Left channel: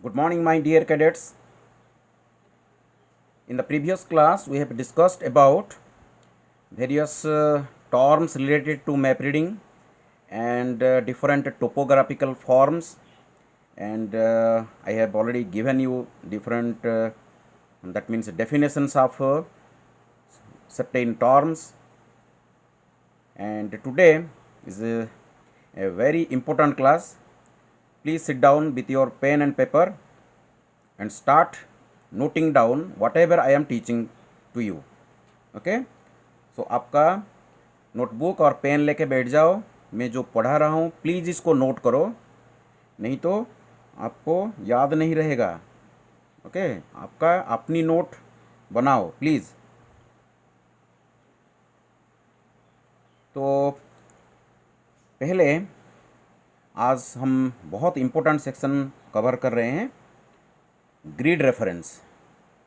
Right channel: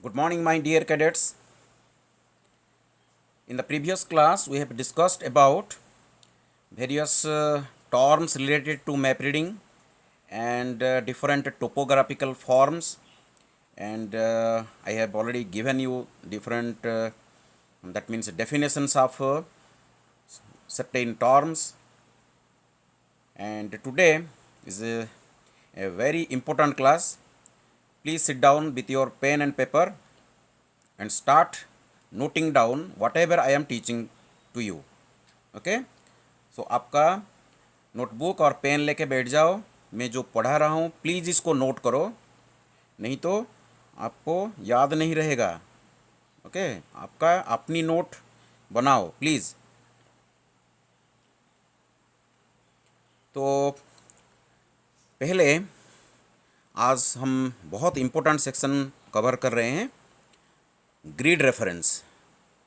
Good morning, my dear cadets. In the previous class, we have discussed about various terms related to map reading and different topographical forms. And I have already given you different, that means definitions of certain terms. And today is a very important class. Please sit down with your pen and paper and start noting down whatever I am teaching to you. Okay so आपका notebook और pen लेके बैठ जाओ। मैं जो पढ़ा रहा हूँ प्लीज़ इसको नोट करो, नहीं तो आपको याद नहीं रहेगा। ओके आपका अपनी नोट बनाओ प्लीज़। तो पहले आज हम बहुत इम्पोर्टेंट सेक्शन कवर कर रहे हैं, ग्रिड रेफरेंस।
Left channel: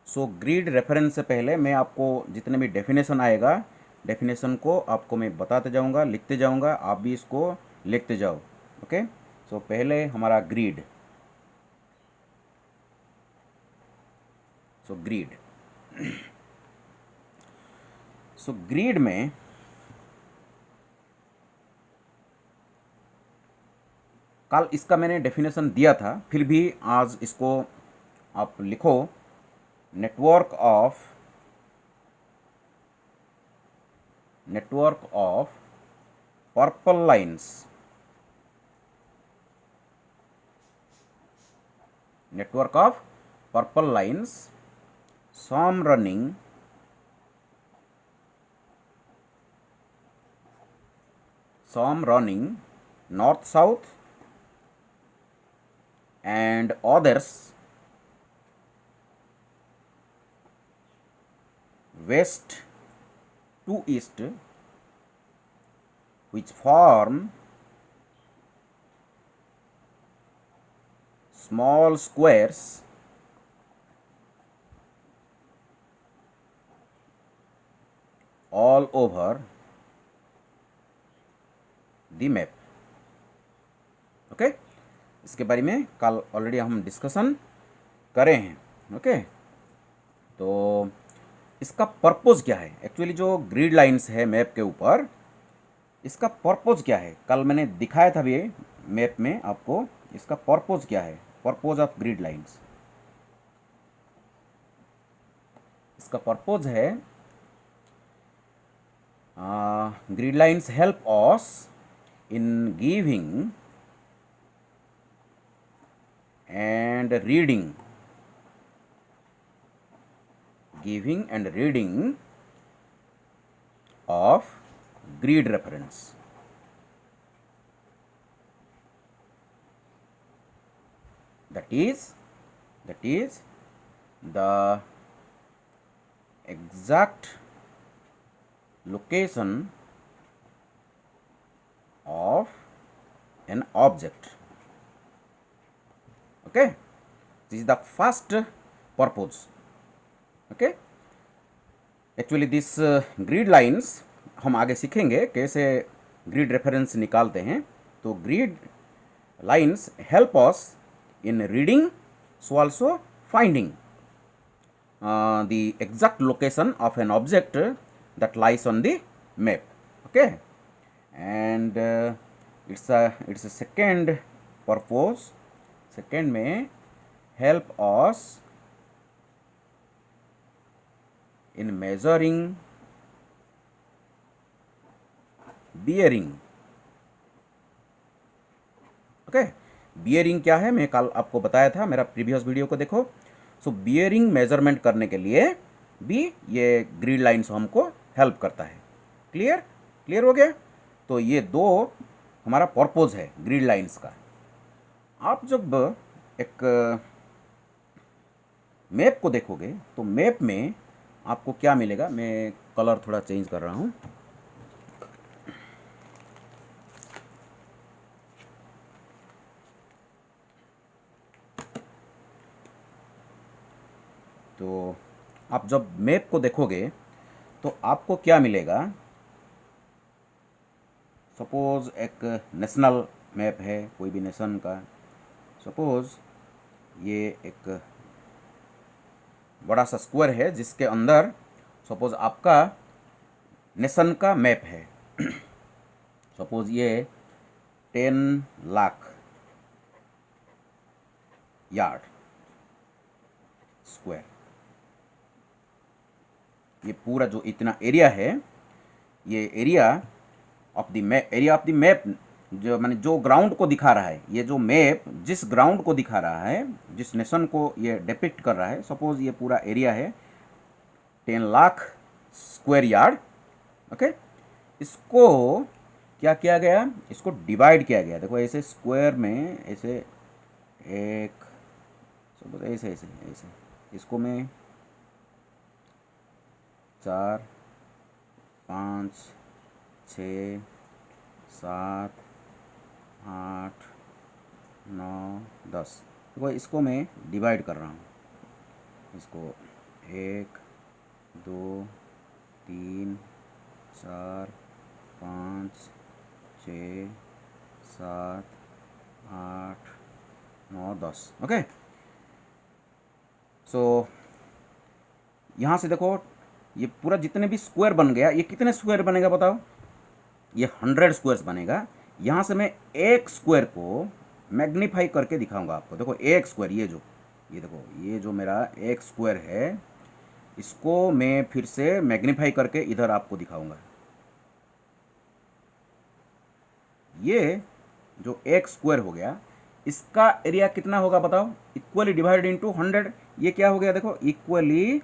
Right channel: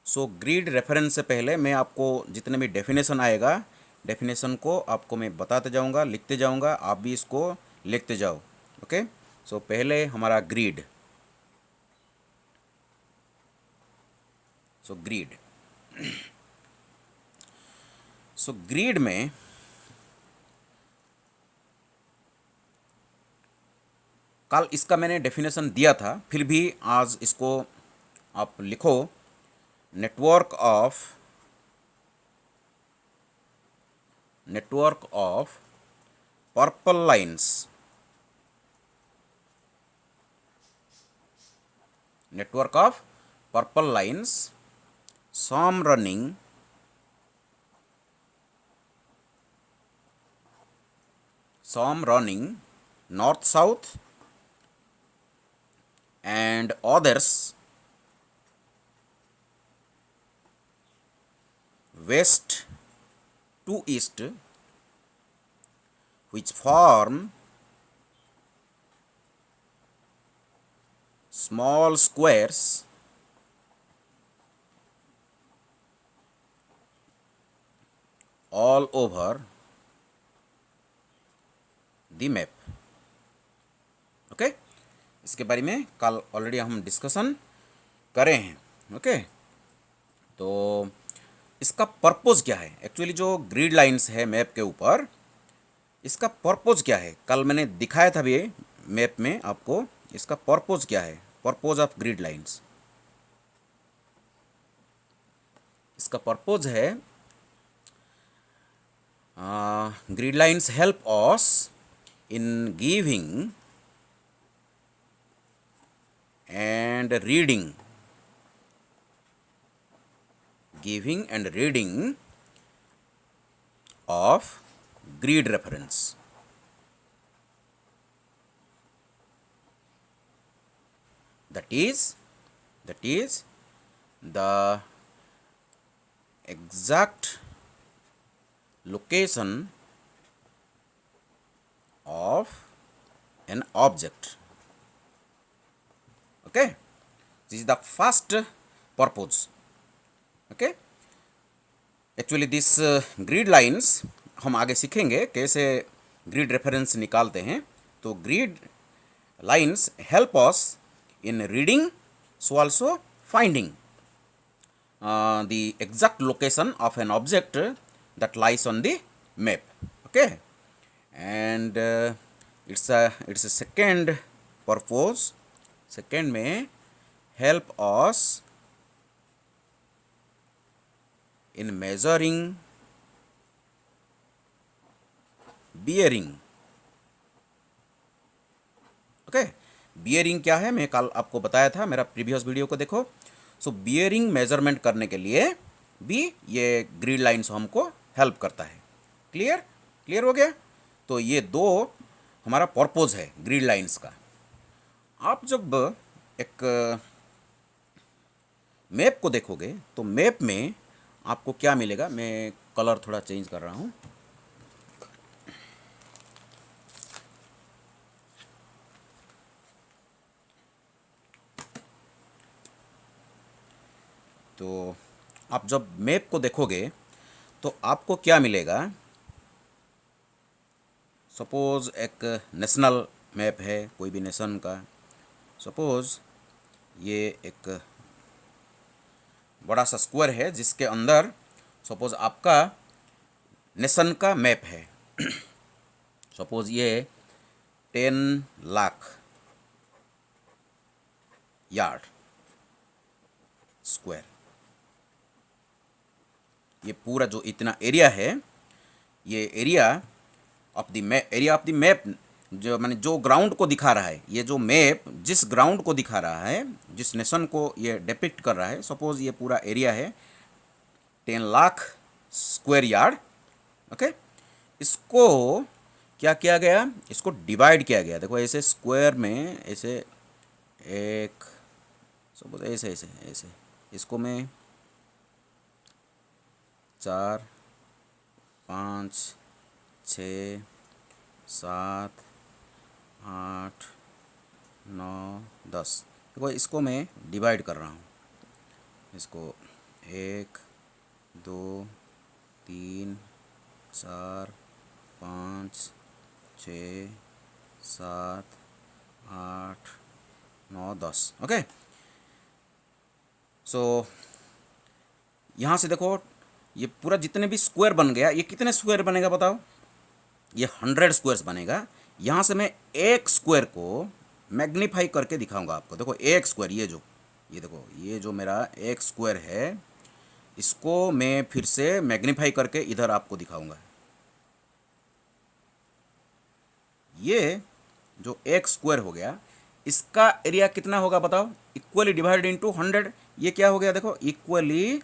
सो ग्रिड रेफरेंस से पहले मैं आपको जितने भी डेफिनेशन आएगा, डेफिनेशन को आपको मैं बताते जाऊंगा, लिखते जाऊंगा, आप भी इसको लिखते जाओ। ओके सो पहले हमारा ग्रिड। सो ग्रिड में कल इसका मैंने डेफिनेशन दिया था, फिर भी आज इसको आप लिखो। Network of purple lines, network of purple lines, some running north south and others west to east, which form small squares all over the map. Okay इसके बारे में कल ऑलरेडी हम डिस्कशन करे हैं। ओके तो इसका पर्पस क्या है, एक्चुअली जो ग्रिड लाइंस है मैप के ऊपर, इसका पर्पस क्या है कल मैंने दिखाया था भी मैप में आपको। इसका पर्पस क्या है, पर्पस ऑफ ग्रिड लाइंस। इसका पर्पस है grid lines help us in giving and reading of grid reference. That is the exact location of an object. Okay, this is the first purpose. Okay, actually this grid lines हम आगे सीखेंगे कैसे grid reference निकालते हैं। तो grid lines help us in reading, so also finding the exact location of an object that lies on the map. Okay, and it's a second purpose. Second में help us in measuring bearing. Okay bearing क्या है मैं कल आपको बताया था, मेरा previous video को देखो। सो बियरिंग मेजरमेंट करने के लिए भी ये ग्रिड लाइन्स हमको हेल्प करता है। क्लियर हो गया। तो ये दो हमारा पर्पस है ग्रिड लाइन्स का। आप जब एक मैप को देखोगे तो मैप में आपको क्या मिलेगा, मैं कलर थोड़ा चेंज कर रहा हूँ। तो आप जब मैप को देखोगे तो आपको क्या मिलेगा। सपोज एक नेशनल मैप है, कोई भी नेशन का। सपोज ये एक बड़ा सा स्क्वायर है जिसके अंदर सपोज आपका नेशन का मैप है। सपोज ये 10 लाख यार्ड स्क्वायर, ये पूरा जो इतना एरिया है, ये area of the map, area of the map जो माने जो ग्राउंड को दिखा रहा है, ये जो मैप जिस ग्राउंड को दिखा रहा है, जिस नेशन को ये डिपिक्ट कर रहा है, सपोज ये पूरा एरिया है 10 लाख स्क्वायर यार्ड। ओके, इसको क्या किया गया, इसको डिवाइड किया गया। देखो ऐसे स्क्वायर में ऐसे एक सपोज ऐसे ऐसे ऐसे इसको मैं 4 5 6 7 8 9 10, देखो इसको मैं डिवाइड कर रहा हूँ। इसको 1 2 3 4 5 6 7 8 9 10। ओके, सो यहाँ से देखो ये पूरा जितने भी स्क्वायर बन गया, ये कितने स्क्वायर बनेगा बताओ, ये 100 स्क्वायर्स बनेगा। यहाँ से मैं एक स्क्वायर को मैग्नीफाई करके दिखाऊंगा आपको। देखो एक स्क्वायर, ये देखो ये जो मेरा एक स्क्वायर है, इसको मैं फिर से मैग्नीफाई करके इधर आपको दिखाऊंगा। ये जो एक स्क्वायर हो गया, इसका एरिया कितना होगा बताओ, इक्वली डिवाइडेड इनटू 100। ये क्या हो गया देखो, equally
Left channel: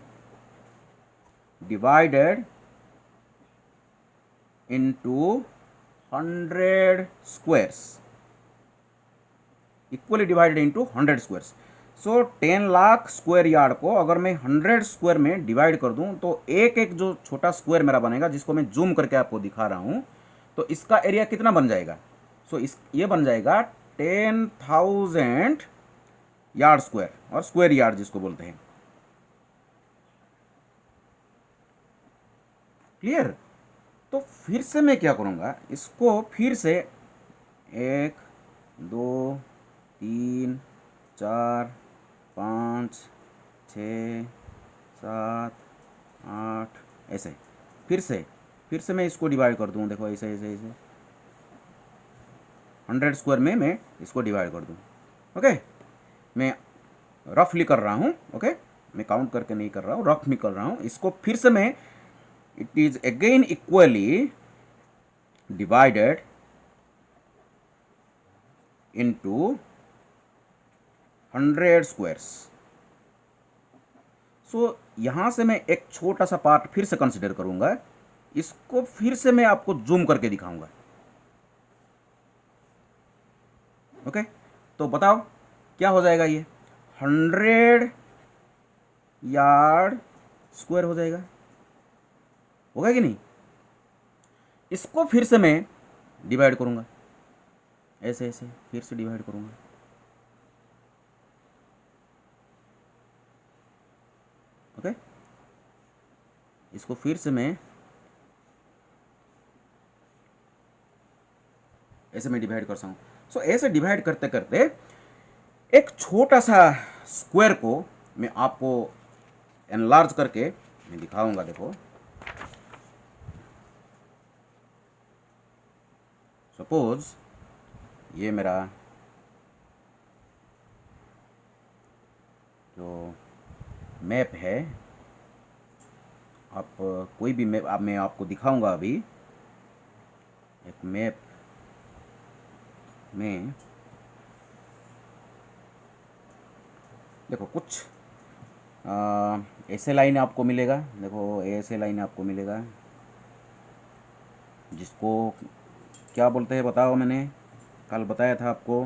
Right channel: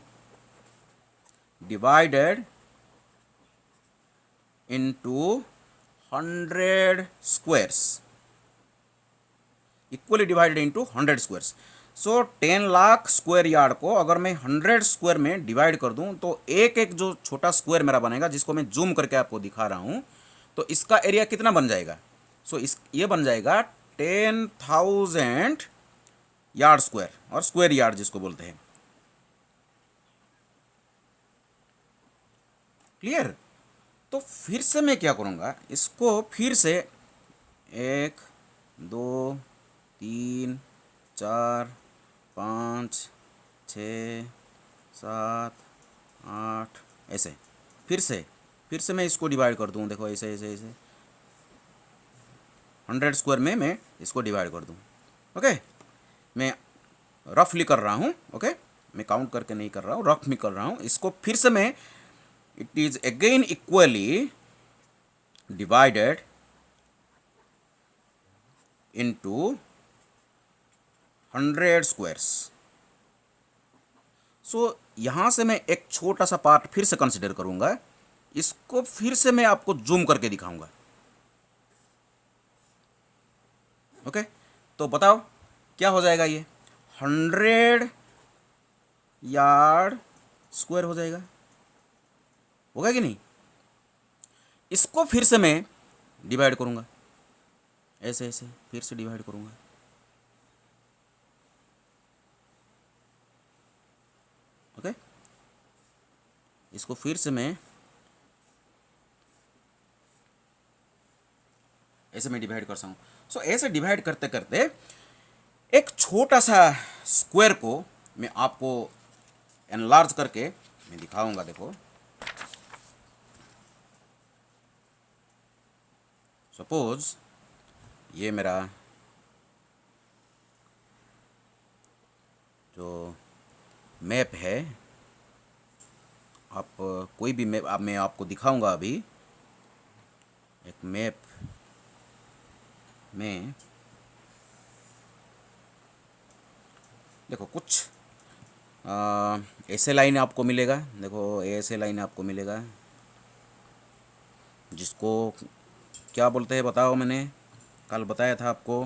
divided into 100 squares, equally divided into 100 squares. So 10 lakh square yard को अगर मैं 100 स्क्वायर में डिवाइड कर दूं तो एक एक जो छोटा स्क्वायर मेरा बनेगा, जिसको मैं जूम करके आपको दिखा रहा हूं, तो इसका एरिया कितना बन जाएगा। सो इस ये बन जाएगा 10,000 यार्ड स्क्वायर, और स्क्वायर यार्ड जिसको बोलते हैं। क्लियर। तो फिर से मैं क्या करूँगा, इसको फिर से 1 2 3 4 5 6 7 8 ऐसे फिर से मैं इसको डिवाइड कर दूँ। देखो ऐसे ऐसे ऐसे 100 स्क्वायर में मैं इसको डिवाइड कर दूँ। ओके, मैं रफली कर रहा हूँ। ओके, मैं काउंट करके नहीं कर रहा हूँ, रफ में कर रहा हूँ। इसको फिर से मैं, it is again equally divided into 100 squares. So यहाँ से मैं एक छोटा सा पार्ट फिर से कंसिडर करूँगा, इसको फिर से मैं आपको जूम करके दिखाऊंगा। ओके, तो बताओ क्या हो जाएगा, ये 100 यार्ड स्क्वायर हो जाएगा, होगा कि नहीं। इसको फिर से मैं डिवाइड करूँगा, ऐसे ऐसे फिर से डिवाइड करूँगा। ओके, इसको फिर से मैं ऐसे मैं डिवाइड करता हूँ। सो ऐसे डिवाइड करते करते एक छोटा सा स्क्वायर को मैं आपको एनलार्ज करके मैं दिखाऊंगा। देखो सपोज ये मेरा जो मैप है, आप कोई भी मैप मैं आपको दिखाऊंगा अभी। एक मैप में देखो कुछ ऐसे लाइन आपको मिलेगा। देखो ऐसे लाइन आपको मिलेगा, जिसको क्या बोलते हैं बताओ, मैंने कल बताया था आपको।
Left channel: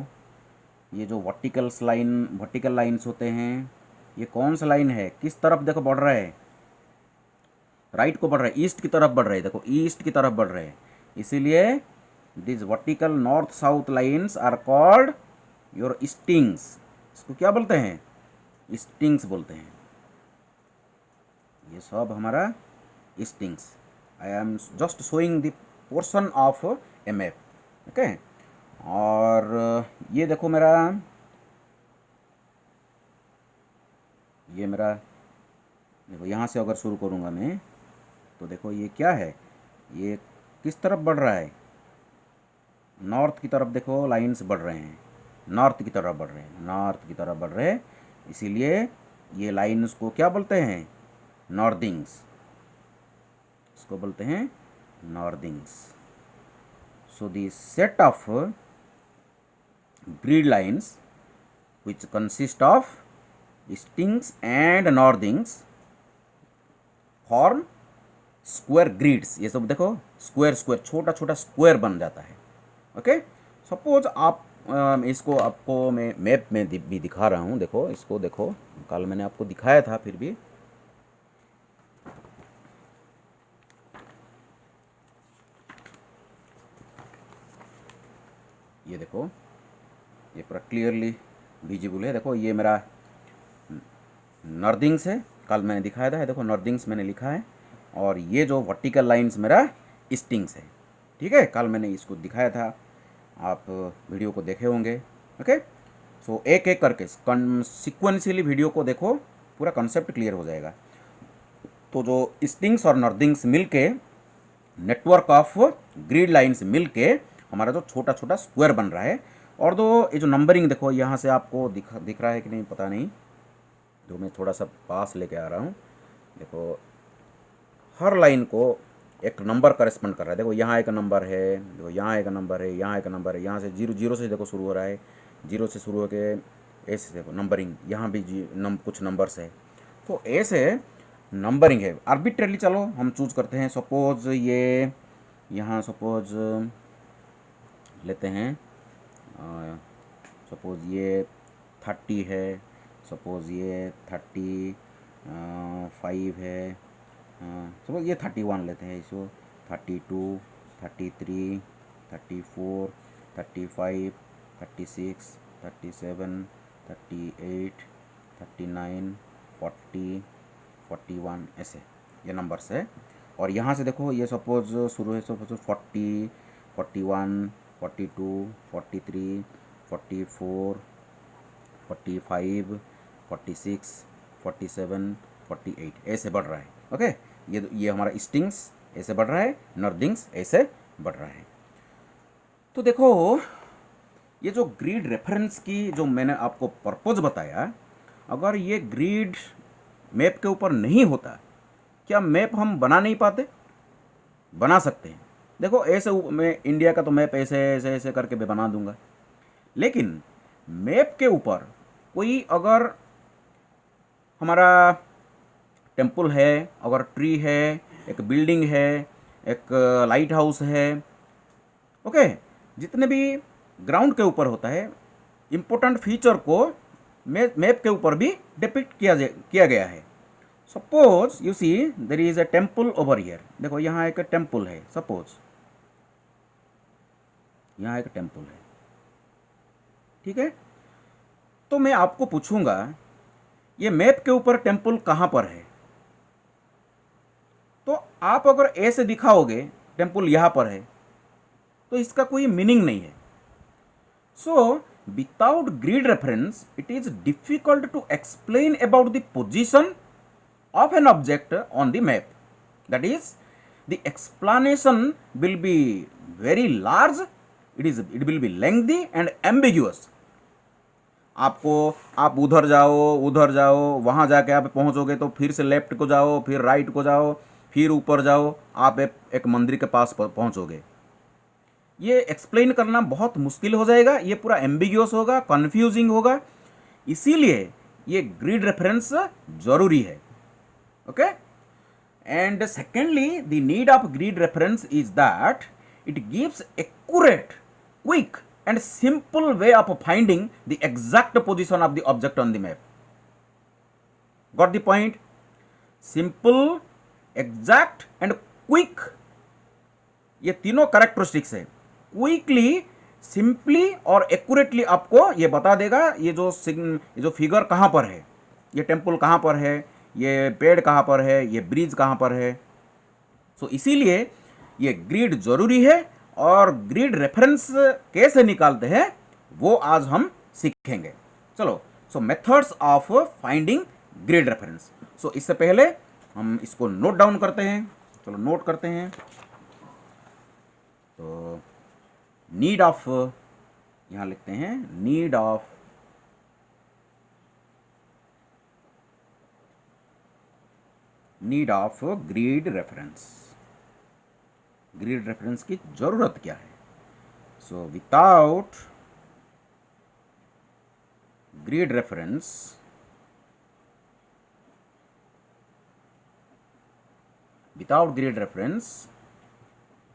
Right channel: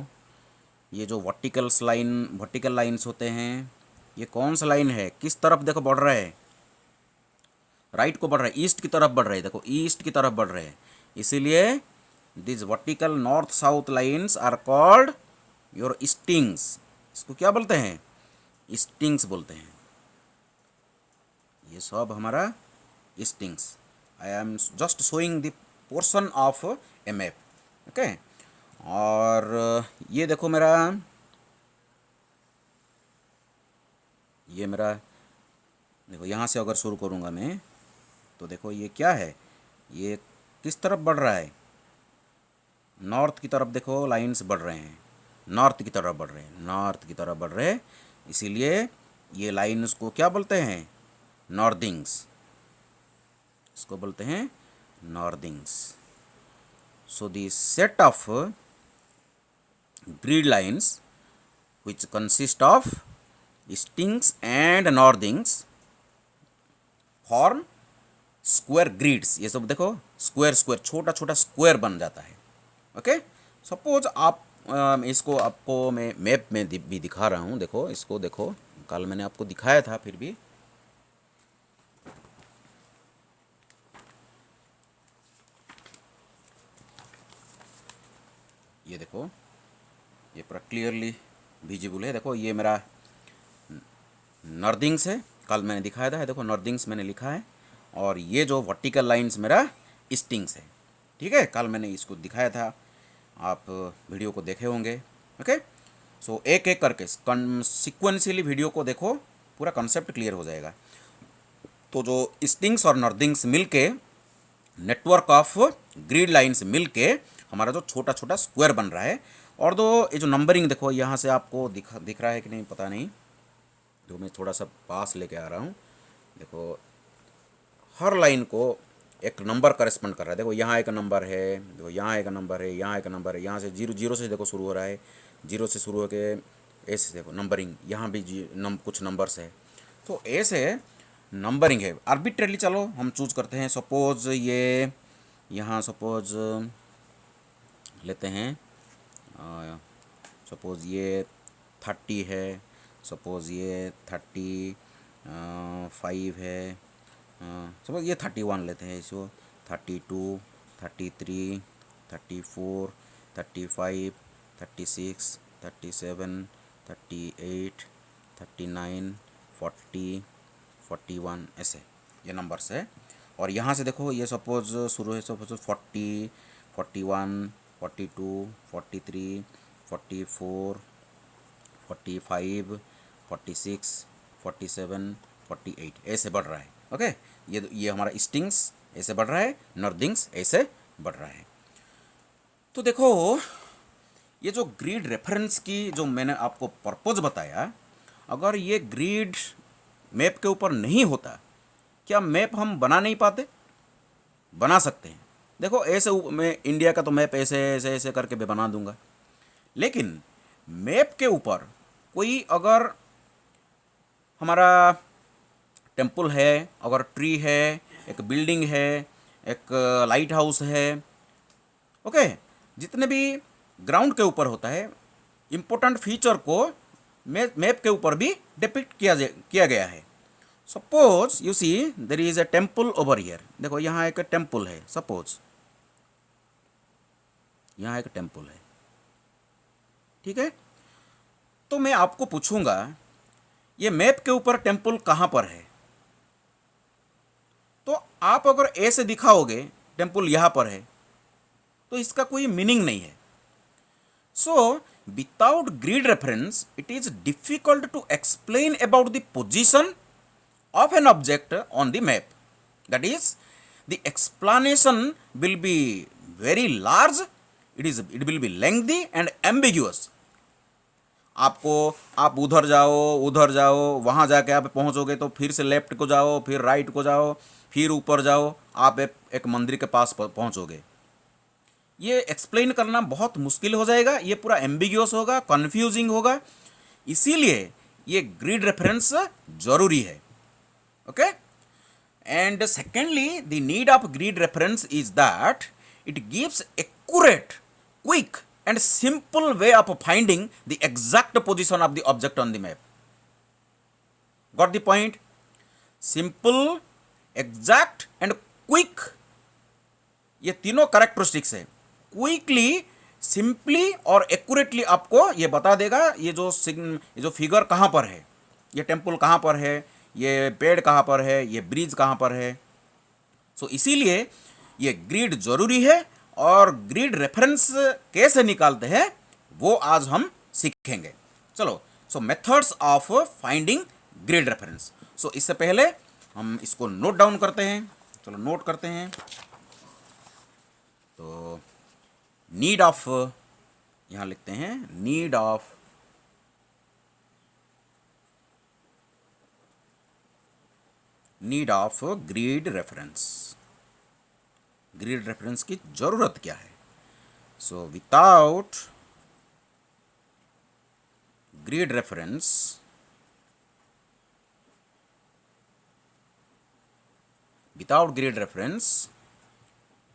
ये जो वर्टिकल लाइन्स होते हैं, ये कौन सा लाइन है, किस तरफ देखो बढ़ रहा है, राइट को बढ़ रहा है, ईस्ट की तरफ बढ़ रहा है। देखो ईस्ट की तरफ बढ़ रहे हैं, इसीलिए this vertical north south lines are called your stings. इसको क्या बोलते हैं, स्टिंग्स बोलते हैं। ये सब हमारा stings. I am just showing the portion of A map. Okay, और ये देखो मेरा ये मेरा, देखो यहाँ से अगर शुरू करूँगा मैं, तो देखो ये क्या है, ये किस तरफ बढ़ रहा है, नॉर्थ की तरफ। देखो लाइंस बढ़ रहे हैं, नॉर्थ की तरफ बढ़ रहे हैं, नॉर्थ की तरफ बढ़ रहे हैं। इसीलिए ये लाइंस को क्या बोलते हैं, नॉर्दिंग्स, इसको बोलते हैं northings. So the set of grid lines which consist of stings and northings form square grids. ये सब देखो स्क्वायर स्क्वायर, छोटा छोटा स्क्वायर बन जाता है। ओके, सपोज आप इसको आपको मैं मैप में भी दिखा रहा हूँ। देखो इसको, देखो कल मैंने आपको दिखाया था, फिर भी ये देखो, ये पूरा क्लियरली विजिबल है। देखो ये मेरा नॉर्दिंग्स है, कल मैंने दिखाया था, देखो नॉर्दिंग्स मैंने लिखा है, और ये जो वर्टिकल लाइंस मेरा स्टिंग्स है। ठीक है, कल मैंने इसको दिखाया था, आप वीडियो को देखे होंगे। ओके, सो एक एक करके सिक्वेंशियली वीडियो को देखो, पूरा कंसेप्ट क्लियर हो जाएगा। तो जो स्टिंग्स और नॉर्दिंग्स मिलके, नेटवर्क ऑफ ग्रिड लाइंस मिलके हमारा जो छोटा छोटा स्क्वायर बन रहा है। और दो ये जो नंबरिंग देखो, यहाँ से आपको दिख रहा है कि नहीं पता नहीं, तो मैं थोड़ा सा पास लेके आ रहा हूँ। देखो हर लाइन को एक नंबर करस्पॉन्ड कर रहा है। देखो यहाँ एक नंबर है, देखो यहाँ एक नंबर है, यहाँ एक नंबर है, यहाँ से जीरो जीरो से देखो शुरू हो रहा है, जीरो से शुरू होकर ऐसे देखो नंबरिंग, यहाँ भी कुछ नंबर्स है। तो ऐसे नंबरिंग है आर्बिट्रेरली। चलो हम चूज करते हैं, सपोज ये यहाँ सपोज लेते हैं, सपोज ये 30 है, सपोज ये 35 है, सपोज ये 31 लेते हैं इसको, 32, 33, 34, 35, 36, 37, 38, 39, 40, 41, ऐसे ये नंबर्स है। और यहाँ से देखो ये सपोज शुरू है, सपोज 40, 41, 42, 43, 44, 45, 46, 47, 48 ऐसे बढ़ रहा है। ओके, ये हमारा स्टिंग्स ऐसे बढ़ रहा है, नॉर्दिंग्स ऐसे बढ़ रहा है। तो देखो ये जो ग्रिड रेफरेंस की जो मैंने आपको पर्पज बताया, अगर ये ग्रिड मैप के ऊपर नहीं होता, क्या मैप हम बना नहीं पाते? बना सकते हैं। देखो ऐसे मैं इंडिया का तो मैप ऐसे ऐसे ऐसे करके मैं बना दूंगा, लेकिन मैप के ऊपर कोई अगर हमारा टेम्पल है, अगर ट्री है, एक बिल्डिंग है, एक लाइट हाउस है, ओके, जितने भी ग्राउंड के ऊपर होता है, इम्पोर्टेंट फीचर को मैप के ऊपर भी डिपिक्ट किया गया है। Suppose you see there is a temple over here. देखो यहाँ एक टेम्पल है, सपोज यहाँ एक टेम्पल है। ठीक है, तो मैं आपको पूछूंगा ये मैप के ऊपर टेम्पल कहाँ पर है, तो आप अगर ऐसे दिखाओगे टेम्पल यहाँ पर है, तो इसका कोई मीनिंग नहीं है। So without grid reference it is difficult to explain about the position of an object on the map. That is, the explanation will be very large, it will be lengthy and ambiguous. आपको आप उधर जाओ, वहाँ जाके आप पहुँचोगे तो फिर से लेफ्ट को जाओ, फिर राइट को जाओ, फिर ऊपर जाओ, आप एक मंदिर के पास पहुँचोगे। ये एक्सप्लेन करना बहुत मुश्किल हो जाएगा, ये पूरा एम्बिग्यूअस होगा, कन्फ्यूजिंग होगा। इसीलिए ये ग्रिड रेफरेंस जरूरी है। Okay, and secondly the need of grid reference is that it gives accurate, quick and simple way of finding the exact position of the object on the map. Got the point? Simple, exact and quick, ये तीनों characteristics है। Quickly, simply और accurately आपको ये बता देगा ये जो फिगर कहाँ पर है, ये टेम्पल कहाँ पर है, ये पेड़ कहाँ पर है, ये ब्रिज कहाँ पर है। सो इसीलिए ये ग्रिड जरूरी है, और ग्रिड रेफरेंस कैसे निकालते हैं वो आज हम सीखेंगे। चलो, so methods of finding grid reference. So इससे पहले हम इसको नोट डाउन करते हैं, चलो नोट करते हैं। तो नीड ऑफ, यहाँ लिखते हैं need of grid reference. Grid reference की ज़रूरत क्या है? So without grid reference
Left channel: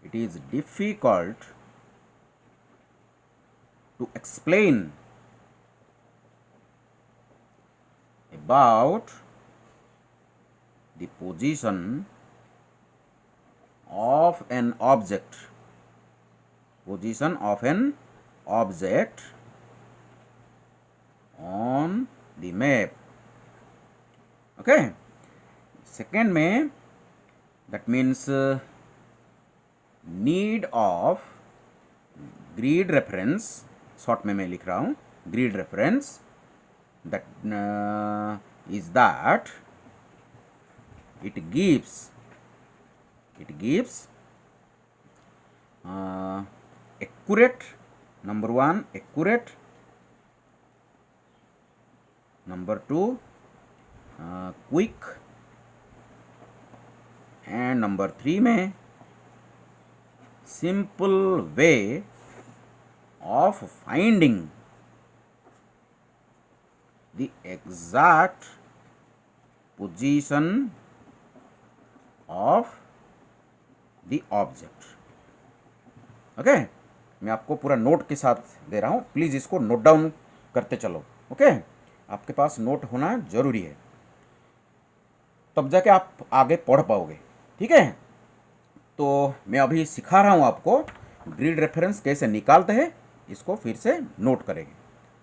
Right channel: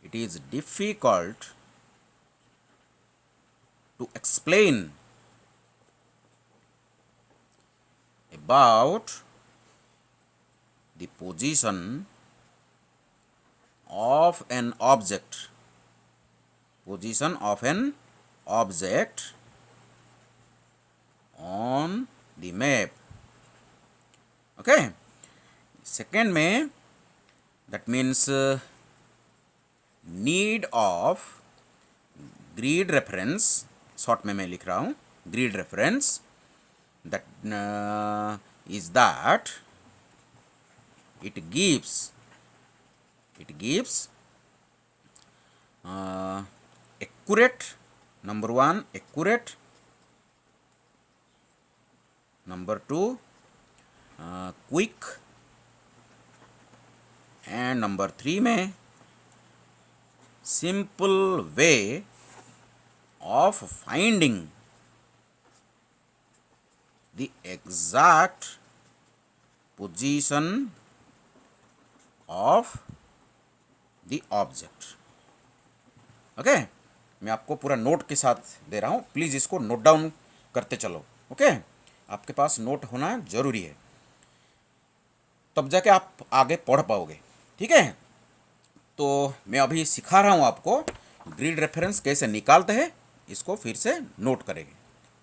it is difficult to explain about the position of an object on the map. Okay, second में that means need of grid reference, short में मैं लिख रहा हूँ grid reference, that is that it gives accurate, number one accurate, number two quick, and number three में simple way of finding the exact position of the object. Okay, मैं आपको पूरा note के साथ दे रहा हूँ, प्लीज़ इसको नोट डाउन करते चलो। ओके, आपके पास नोट होना ज़रूरी है, तब जाके आप आगे पढ़ पाओगे। ठीक है, तो मैं अभी सिखा रहा हूँ आपको ग्रिड रेफरेंस कैसे निकालते हैं, इसको फिर से नोट करेंगे।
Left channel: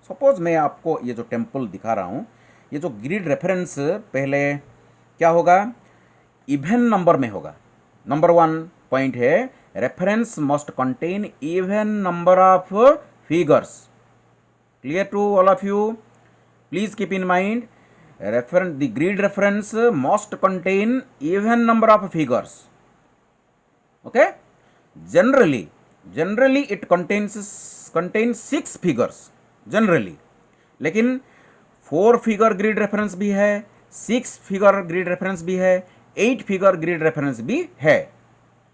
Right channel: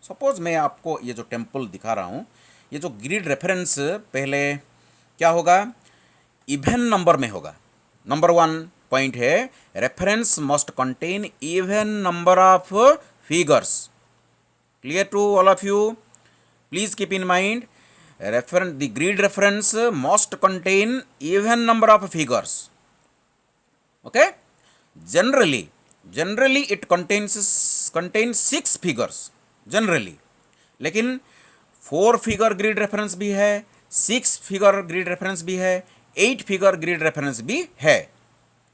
सपोज़ मैं आपको ये जो टेम्पल दिखा रहा हूँ, ये जो ग्रिड रेफरेंस पहले क्या होगा, इवन नंबर में होगा। नंबर वन पॉइंट है reference must contain even number of figures. Clear to all of you? Please keep in mind, the grid reference must contain even number of figures. Okay, generally it contains 6 figures generally, लेकिन 4 figure grid reference भी है, 6 figure grid reference भी है, 8 figure grid reference भी है।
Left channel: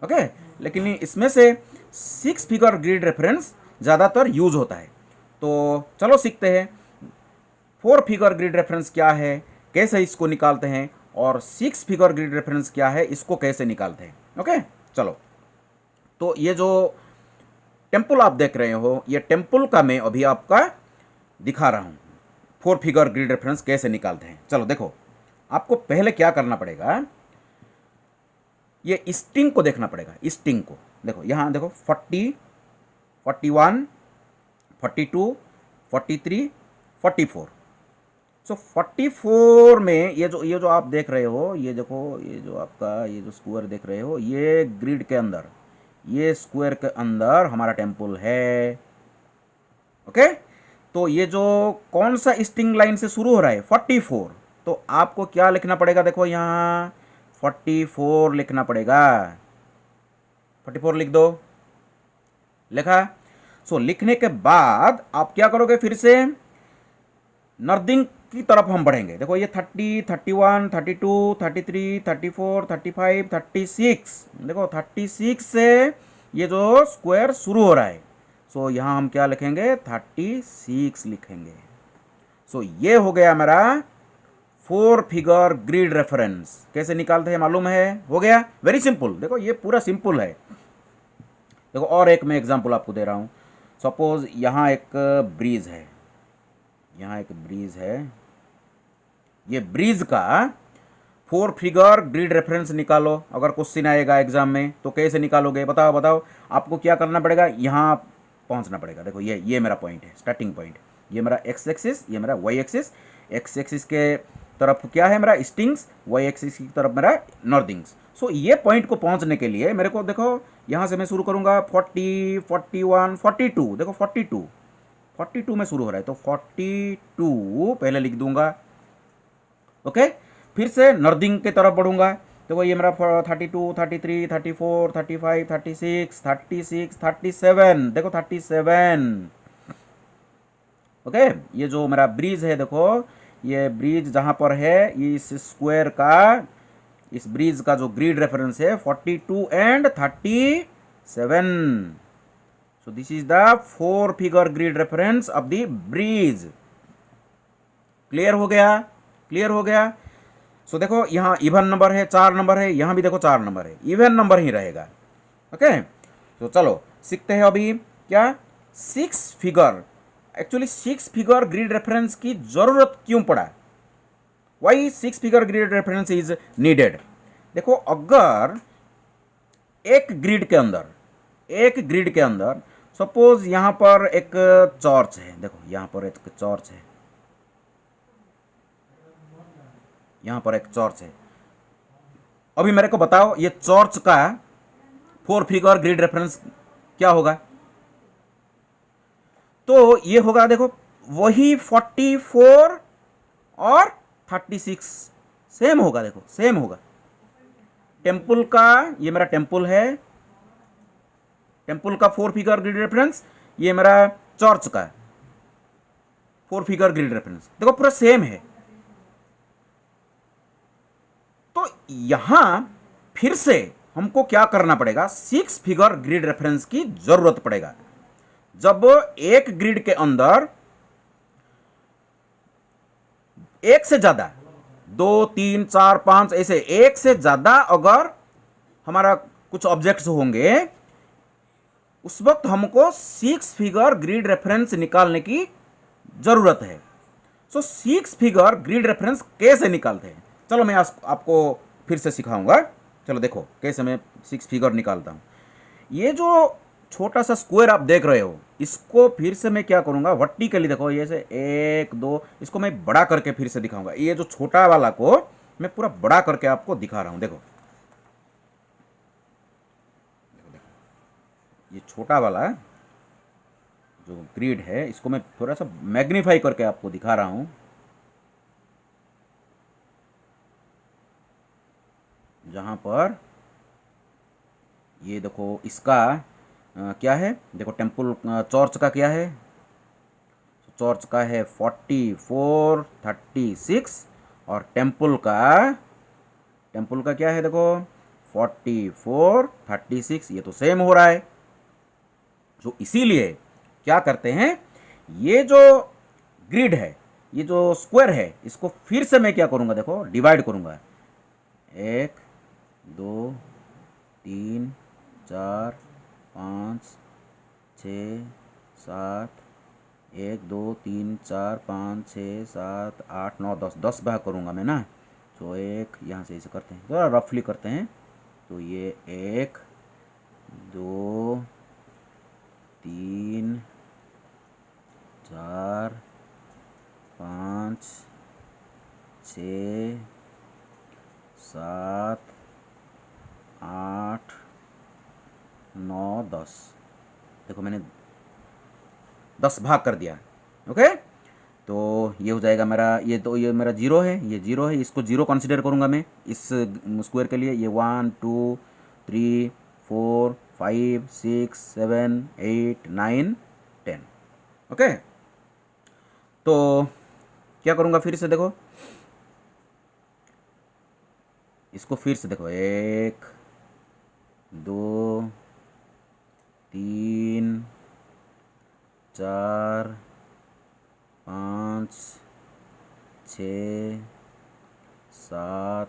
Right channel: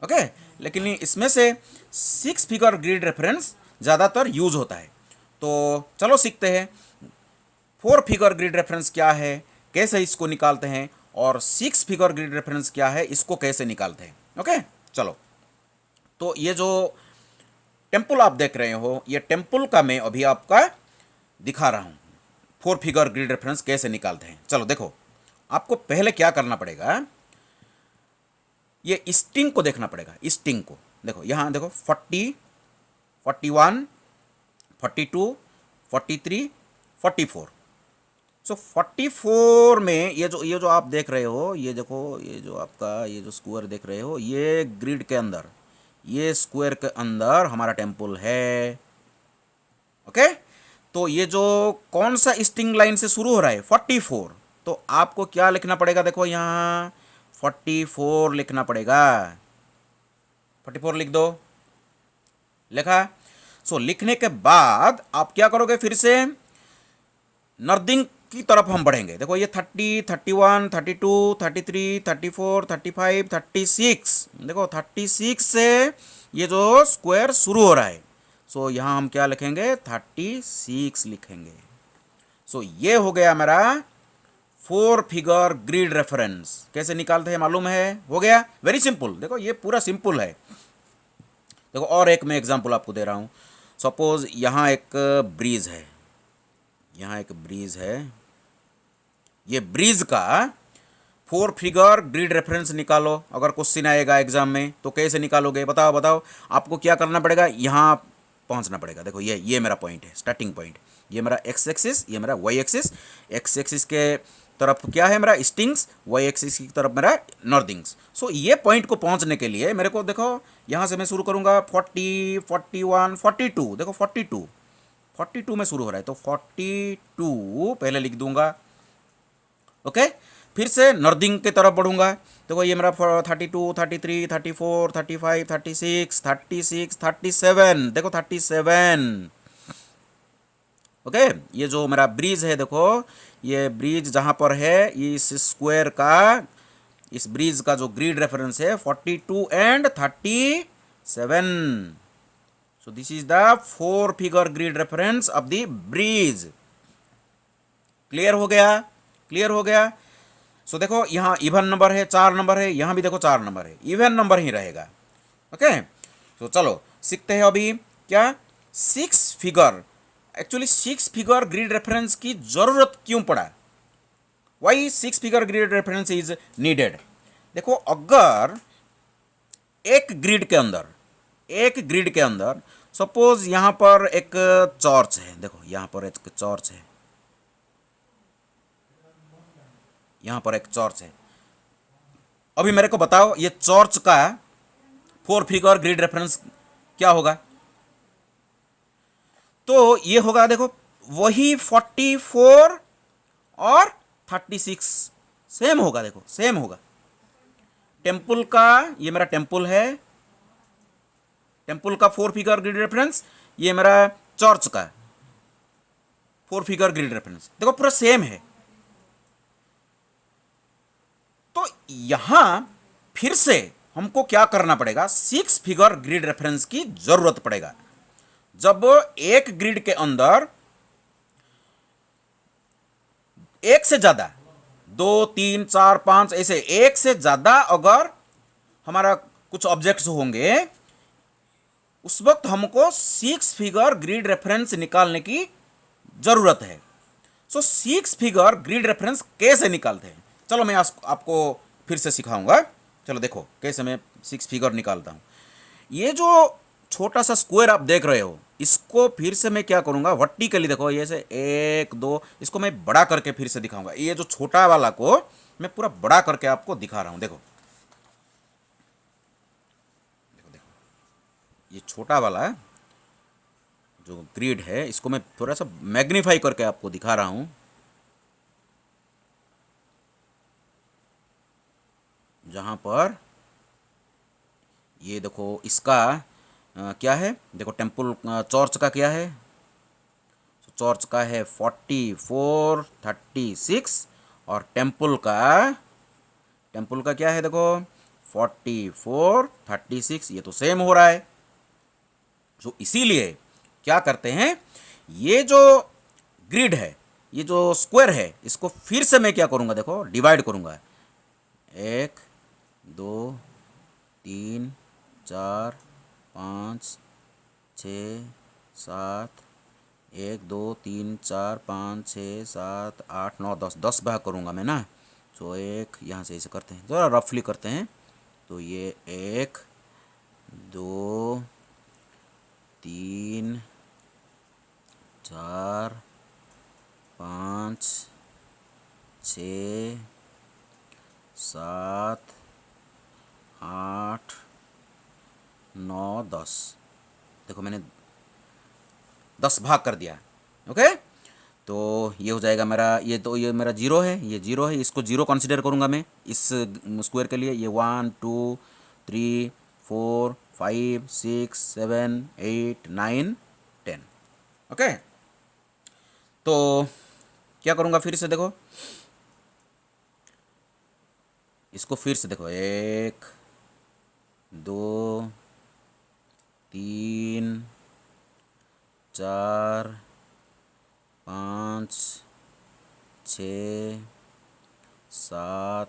Okay, लेकिन इसमें से 6 फिगर ग्रिड रेफरेंस ज़्यादातर यूज होता है। तो चलो सीखते हैं 4 फिगर ग्रिड रेफरेंस क्या है, कैसे इसको निकालते हैं, और 6 फिगर ग्रिड रेफरेंस क्या है, इसको कैसे निकालते हैं। ओके, चलो। तो ये जो टेम्पल आप देख रहे हो, ये टेम्पल का मैं अभी आपका दिखा रहा हूँ 4 फिगर ग्रिड रेफरेंस कैसे निकालते हैं। चलो देखो, आपको पहले क्या करना पड़ेगा, ये स्ट्रिंग को देखना पड़ेगा। स्ट्रिंग को देखो, यहाँ देखो 40, 41, 42, 43, 44। सो 44 में ये जो आप देख रहे हो, ये देखो, ये जो आपका ये जो स्क्वायर देख रहे हो, ये ग्रिड के अंदर, ये स्क्वायर के अंदर हमारा टेम्पल है। ओके, तो ये जो कौन सा स्ट्रिंग लाइन से शुरू हो रहा है, 44। तो आपको क्या लिखना पड़ेगा, देखो यहाँ 44 लिखना पड़ेगा। 44 लिख दो, लिखा। सो लिखने के बाद आप क्या करोगे, फिर से नर्दिंग की तरफ हम बढ़ेंगे। देखो ये 30, 31, 32, 33, 34, 35, 36। देखो 36 से ये जो स्क्वायर शुरू हो रहा है, सो यहाँ हम क्या लिखेंगे, 36 लिखेंगे। सो ये हो गया मेरा 4 फिगर ग्रिड रेफरेंस। कैसे निकालते हैं मालूम है? हो गया, वेरी सिंपल। देखो ये पूरा सिंपल है। देखो और एक मैं एग्जांपल आपको दे रहा हूँ। सपोज यहाँ एक ब्रिज है, यहाँ एक ब्रिज है, ये ब्रिज का 4 फिगर ग्रिड रेफरेंस निकालो। अगर क्वेश्चन आएगा एग्जाम में तो कैसे निकालोगे, बताओ बताओ। आपको क्या करना पड़ेगा, यहाँ पहुँचना पड़ेगा। देखो ये मेरा पॉइंट है, स्टार्टिंग पॉइंट। ये मेरा एक्स एक्सिस, ये मेरा वाई एक्सिस। एक्स एक्सिस के तरफ क्या है मेरा स्टिंग्स, वाई एक्सिस की तरफ मेरा नॉर्दिंग्स। सो ये पॉइंट को पहुंचने के लिए मेरे को देखो, यहाँ से मैं शुरू करूँगा 40, 41, 42। देखो 42 में शुरू हो रहा है, तो 42 पहले लिख दूंगा। ओके, फिर से नर्दिंग की तरफ बढ़ूंगा। देखो ये मेरा 32, 33, 34, 35, 36, 36, 37, देखो 37। ओके, ये जो मेरा ब्रिज है देखो, ये ब्रिज जहाँ पर है, इस स्क्वायर का, इस ब्रिज का जो ग्रिड रेफरेंस है 42 and 37। So this is the 4 figure grid reference of the bridge. Clear हो गया? क्लियर हो गया? सो देखो यहाँ इवन नंबर है, 4 नंबर है, यहाँ भी देखो 4 नंबर है, इवन नंबर ही रहेगा। ओके, तो चलो सीखते हैं अभी क्या, 6 figure. Actually 6 figure grid reference की जरूरत क्यों पड़ा, why 6 figure grid reference is needed. देखो अगर एक ग्रिड के अंदर सपोज यहाँ पर एक चर्च है, देखो यहाँ पर एक चर्च है, यहाँ पर एक चर्च है। अभी मेरे को बताओ ये चर्च का 4 फिगर ग्रिड रेफरेंस क्या होगा? तो ये होगा देखो वही 44 और 36, सेम होगा, देखो सेम होगा। टेम्पल का, ये मेरा टेम्पल है, टेम्पल का 4 फिगर ग्रिड रेफरेंस, ये मेरा चर्च का 4 फिगर ग्रिड रेफरेंस, देखो पूरा सेम है। तो यहां फिर से हमको क्या करना पड़ेगा, 6 फिगर ग्रिड रेफरेंस की जरूरत पड़ेगा। जब एक ग्रिड के अंदर एक से ज्यादा, 2, 3, 4, 5 ऐसे एक से ज्यादा अगर हमारा कुछ ऑब्जेक्ट्स होंगे, उस वक्त हमको 6 फिगर ग्रिड रेफरेंस निकालने की जरूरत है। सो 6 फिगर ग्रिड रेफरेंस कैसे निकालते हैं, चलो मैं आपको फिर से सिखाऊंगा। चलो देखो कैसे मैं 6 फिगर निकालता हूं। ये जो छोटा सा स्क्वायर आप देख रहे हो, इसको फिर से मैं क्या करूंगा, वर्टिकली देखो, ये से 1, 2, इसको मैं बड़ा करके फिर से दिखाऊंगा। ये जो छोटा वाला को मैं पूरा बड़ा करके आपको दिखा रहा हूं। देखो ये छोटा वाला जो ग्रिड है, इसको मैं थोड़ा सा मैग्नीफाई करके आपको दिखा रहा हूं। जहां पर ये देखो इसका क्या है, देखो टेम्पल चर्च का क्या है, चर्च का है 44, 36, और टेम्पल का क्या है देखो 44, 36, ये तो सेम हो रहा है। जो इसीलिए क्या करते हैं, ये जो ग्रिड है, ये जो स्क्वायर है, इसको फिर से मैं क्या करूंगा, देखो डिवाइड करूंगा। 1, 2, 3, 4, 5, 6, 7, 1, 2, 3, 4, 5, 6, 7, 8, 9, 10, 10 भाग करूंगा मैं ना। तो एक यहाँ से ऐसे करते हैं, ज़रा रफली करते हैं। तो ये 1, 2, 3, 4, 5, 6, 7, 8, 9, 10, देखो मैंने 10 भाग कर दिया। ओके, तो ये हो जाएगा मेरा, ये तो ये मेरा 0 है, ये 0 है, इसको 0 कंसिडर करूँगा मैं इस स्क्वायर के लिए। ये 1, 2, 3, 4, 5, 6, 7, 8, 9, 10। ओके, तो क्या करूँगा फिर से, देखो इसको फिर से देखो, 1, 2, 3, 4, 5, 6, 7,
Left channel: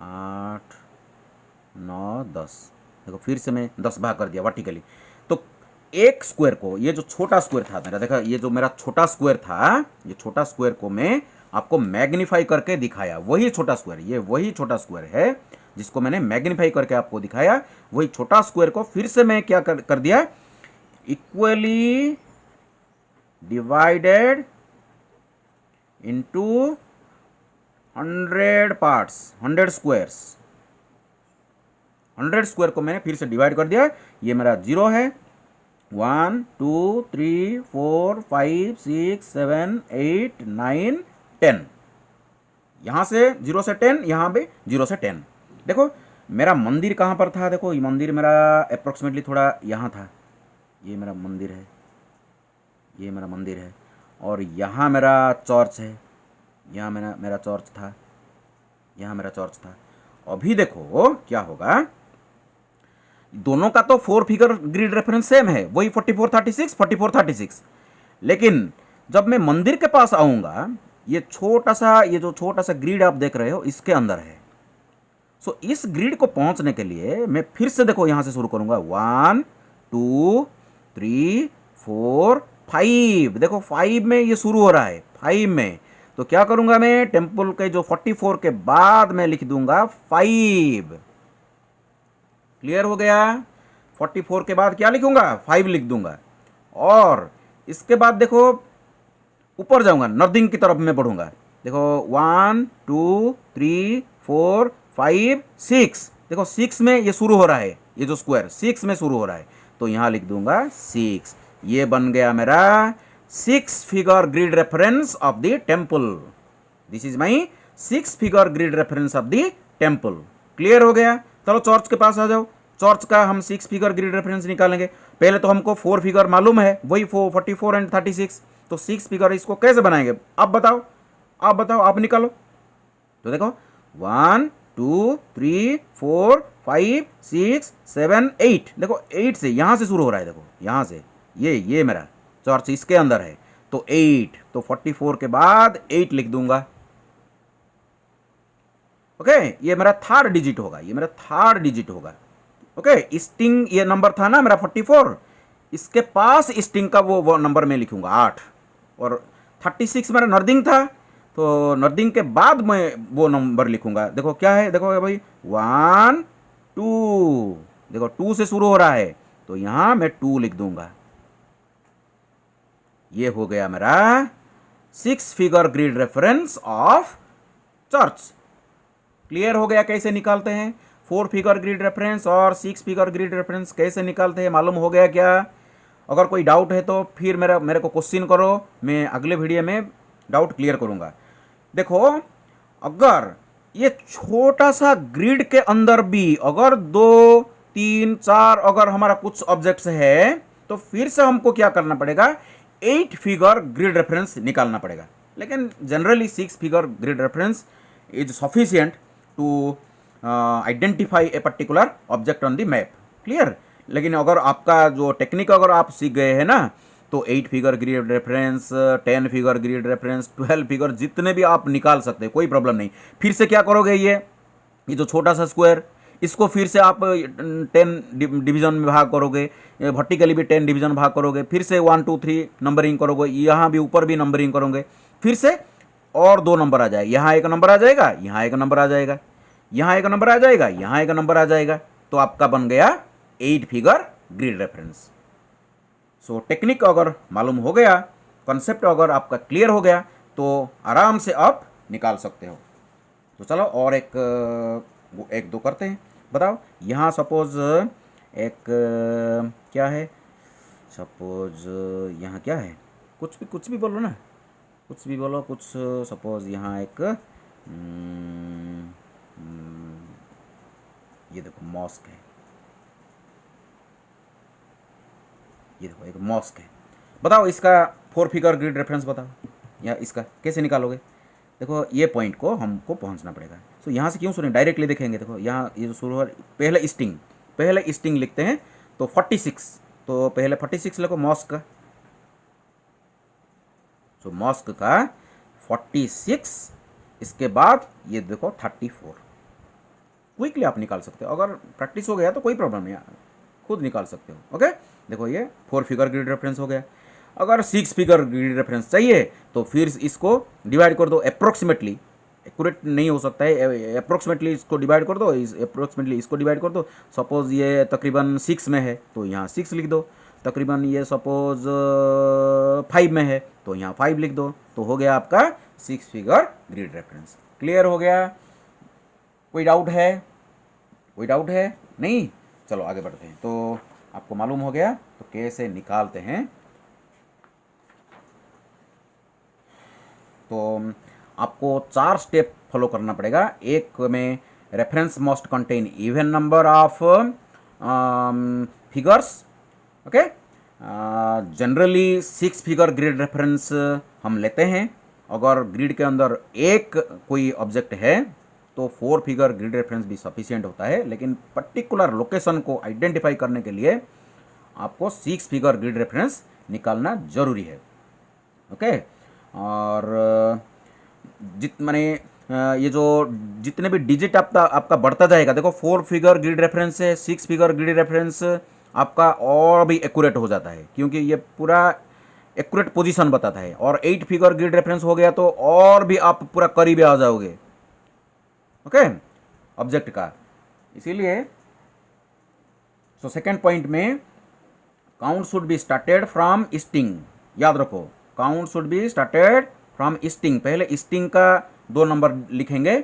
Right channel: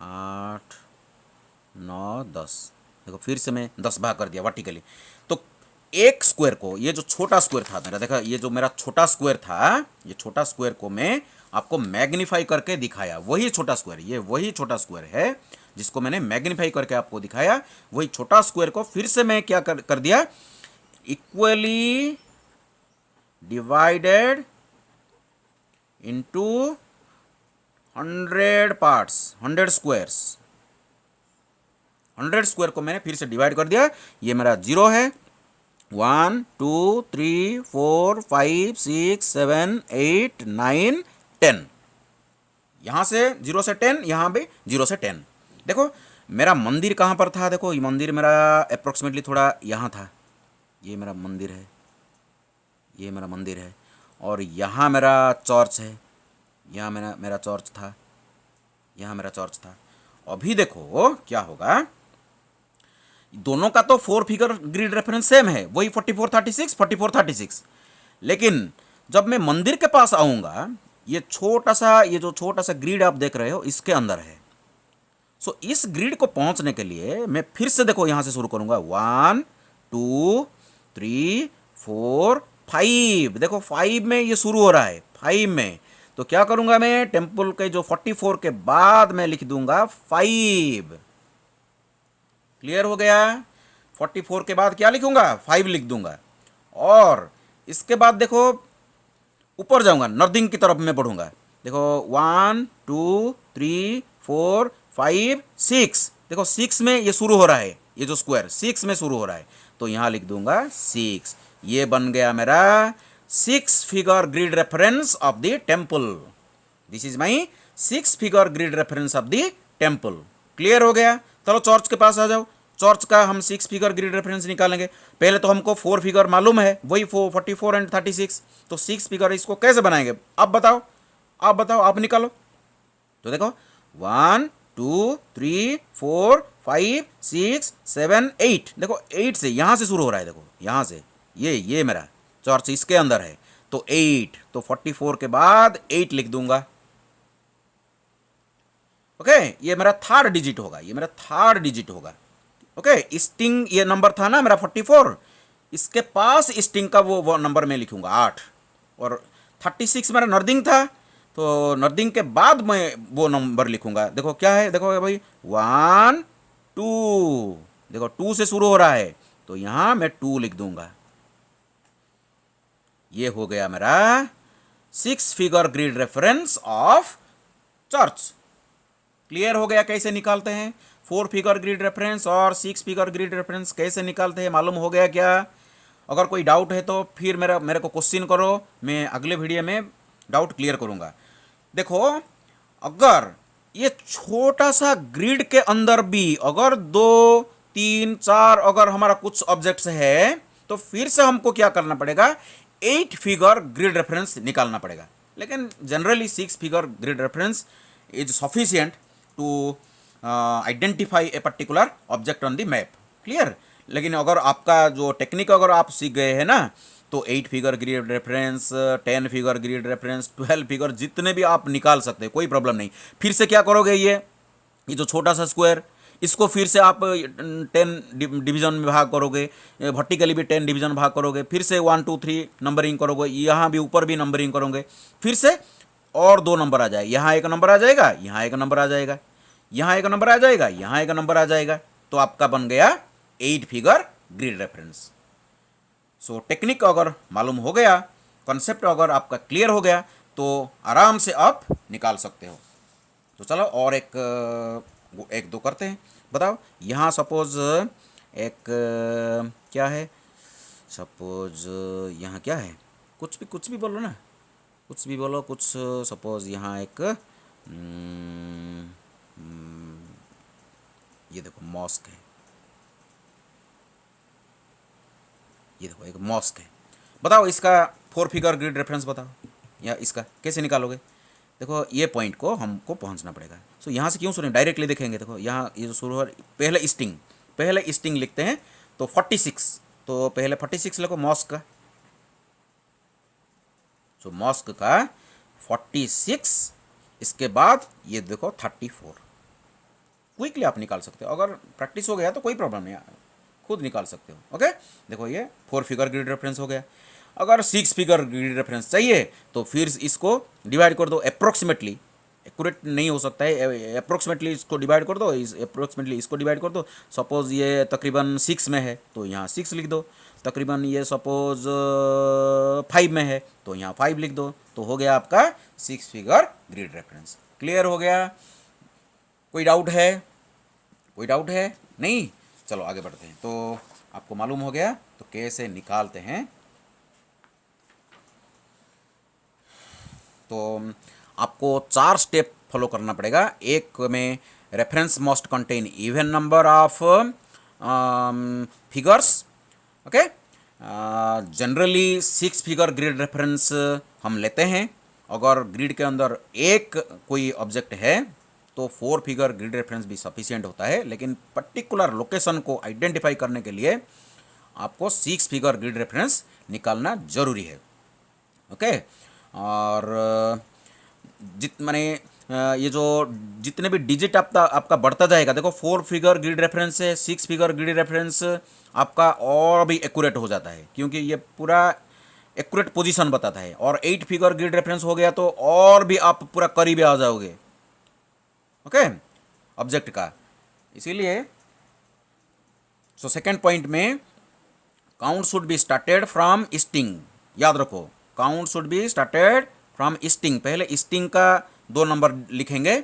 8, 9, 10, देखो फिर से मैं 10 भाग कर दिया वर्टिकली। तो एक स्क्वायर को, ये जो छोटा स्क्वायर था मेरा, देखा ये जो मेरा छोटा स्क्वायर था, ये छोटा स्क्वायर को मैं आपको मैग्नीफाई करके दिखाया। वही छोटा स्क्वायर, ये वही छोटा स्क्वायर है जिसको मैंने मैग्नीफाई करके आपको दिखाया। वही छोटा स्क्वायर को फिर से मैं क्या कर दिया, equally divided into 100 parts, 100 squares, 100 square को मैंने फिर से डिवाइड कर दिया। ये मेरा 0 है, 1, 2, 3, 4, 5, 6, 7, 8, 9, 10। यहाँ से 0 से 10, यहाँ पे 0 से 10। देखो मेरा मंदिर कहाँ पर था, देखो ये मंदिर मेरा अप्रोक्सीमेटली थोड़ा यहाँ था, ये मेरा मंदिर है, ये मेरा मंदिर है, और यहाँ मेरा चर्च है, यहाँ मेरा मेरा चर्च था, यहाँ मेरा चर्च था। अभी देखो क्या होगा, दोनों का तो 4 फिगर ग्रिड रेफरेंस सेम है, वही 44 36 44 36, लेकिन जब मैं मंदिर के पास आऊँगा, ये जो छोटा सा ग्रिड आप देख रहे हो इसके अंदर है। सो इस ग्रिड को पहुंचने के लिए मैं फिर से देखो यहां से शुरू करूंगा, 1 2 3 4 5। देखो 5 में ये शुरू हो रहा है, 5 में। तो क्या करूंगा मैं, टेम्पल के जो 44 के बाद मैं लिख दूंगा 5। क्लियर हो गया। 44 के बाद क्या लिखूंगा, 5 लिख दूंगा। और इसके बाद देखो ऊपर जाऊंगा, नर्दिंग की तरफ मैं बढ़ूंगा। देखो 1 2 3 4 5 6। देखो 6 में ये शुरू हो रहा है, ये जो स्क्वायर 6 में शुरू हो रहा है, तो यहां लिख दूंगा 6। ये बन गया मेरा 6 figure grid reference of the temple. This is my 6 figure grid reference of the temple. Clear हो गया। चलो चर्च के पास आ जाओ। चर्च का हम 6 फिगर ग्रिड रेफरेंस निकालेंगे। पहले तो हमको 4 फिगर मालूम है, वही 44 एंड 36। तो 6 फिगर इसको कैसे बनाएंगे, आप बताओ, आप बताओ, आप निकालो। तो देखो 1 2 3 4 5 6 7 8। देखो 8 से यहां से शुरू हो रहा है, देखो यहां से, ये मेरा चर्च इसके अंदर है, तो 8। तो 44 के बाद 8 लिख दूंगा। ओके, ये मेरा थर्ड डिजिट होगा, ये मेरा थर्ड डिजिट होगा। ओके, स्टिंग ये नंबर था ना मेरा 44, इसके पास स्टिंग का वो नंबर मैं लिखूंगा 8। और 36 मेरा नर्दिंग था, तो नर्दिंग के बाद मैं वो नंबर लिखूंगा। देखो क्या है, देखो भाई 1 2। देखो 2 से शुरू हो रहा है, तो यहां मैं 2 लिख दूंगा। ये हो गया मेरा 6 figure grid reference of church. Clear हो गया कैसे निकालते हैं 4 फिगर ग्रिड रेफरेंस और 6 फिगर ग्रिड रेफरेंस कैसे निकालते हैं, मालूम हो गया क्या? अगर कोई डाउट है तो फिर मेरे को क्वेश्चन करो, मैं अगले वीडियो में डाउट क्लियर करूंगा। देखो अगर ये छोटा सा ग्रिड के अंदर भी अगर 2 3 4 अगर हमारा कुछ ऑब्जेक्ट्स है, तो फिर से हमको क्या करना पड़ेगा, 8 फिगर ग्रिड रेफरेंस निकालना पड़ेगा। लेकिन generally 6 figure grid reference is sufficient to identify a particular object on the map. Clear. लेकिन अगर आपका जो टेक्निक अगर आप सीख गए हैं ना, तो 8 figure grid reference, 10 figure grid reference, 12 figure, जितने भी आप निकाल सकते हैं, कोई प्रॉब्लम नहीं। फिर से क्या करोगे, ये जो छोटा सा स्क्वायर, इसको फिर से आप 10 डिवीजन में भाग करोगे, वर्टिकली भी 10 डिवीजन भाग करोगे, फिर से 1 2 3 नंबरिंग करोगे, यहाँ भी ऊपर भी नंबरिंग करोगे, फिर से और 2 नंबर आ जाएगा, यहाँ एक नंबर आ जाएगा, यहाँ एक नंबर आ जाएगा, यहाँ एक नंबर आ जाएगा, यहाँ एक नंबर आ जाएगा, तो आपका बन गया 8 फिगर ग्रिड रेफरेंस। सो टेक्निक अगर मालूम हो गया, कॉन्सेप्ट अगर आपका क्लियर हो गया, तो आराम से आप निकाल सकते हो। तो चलो और एक दो करते हैं। बताओ यहाँ सपोज एक क्या है, सपोज यहाँ क्या है, कुछ भी बोलो ना, कुछ भी बोलो, कुछ सपोज यहाँ एक ये देखो मॉस्क है, ये देखो एक मॉस्क है। बताओ इसका 4 फिगर ग्रिड रेफरेंस बताओ, या इसका कैसे निकालोगे? देखो ये पॉइंट को हमको पहुंचना पड़ेगा। सो यहाँ से क्यों सुने, डायरेक्टली देखेंगे। देखो यहाँ ये जो शुरू हो, पहले स्टिंग लिखते हैं, तो 46, तो पहले 46 लिखो मॉस्क का। सो मॉस्क का 46, इसके बाद ये देखो 34। क्विकली आप निकाल सकते हो, अगर प्रैक्टिस हो गया तो कोई प्रॉब्लम नहीं, खुद निकाल सकते हो। ओके, देखो ये 4 फिगर ग्रिड रेफरेंस हो गया। अगर 6 फिगर ग्रिड रेफरेंस चाहिए तो फिर इसको डिवाइड कर दो अप्रोक्सीमेटली, एक्यूरेट नहीं हो सकता है, अप्रोक्सीमेटली इसको डिवाइड कर दो, अप्रोक्सीमेटली इसको डिवाइड कर दो। सपोज ये तकरीबन 6 में है, तो यहाँ 6 लिख दो। तकरीबन ये सपोज 5 में है, तो यहाँ 5 लिख दो। तो हो गया आपका 6 फिगर ग्रिड रेफरेंस। क्लियर हो गया? कोई डाउट है? कोई डाउट है? नहीं? चलो आगे बढ़ते हैं। तो आपको मालूम हो गया तो कैसे निकालते हैं। तो आपको 4 स्टेप फॉलो करना पड़ेगा। एक में reference must contain even number of figures, okay. Generally 6 figure grid reference हम लेते हैं। अगर ग्रिड के अंदर एक कोई ऑब्जेक्ट है तो 4 फिगर ग्रिड रेफरेंस भी सफिशिएंट होता है, लेकिन पर्टिकुलर लोकेशन को आइडेंटिफाई करने के लिए आपको 6 फिगर ग्रिड रेफरेंस निकालना जरूरी है, ओके। और जित माने ये जो जितने भी डिजिट आपका बढ़ता जाएगा, देखो 4 फिगर ग्रिड रेफरेंस से 6 फिगर ग्रिड रेफरेंस आपका और भी एक्यूरेट हो जाता है, क्योंकि ये पूरा एक्यूरेट पोजीशन बताता है। और 8 फिगर ग्रिड रेफरेंस हो गया तो और भी आप पूरा करीब आ जाओगे, ओके, ऑब्जेक्ट का। इसीलिए सेकेंड पॉइंट में count should be started from easting, याद रखो, count should be started from easting. पहले ईस्टिंग का 2 नंबर लिखेंगे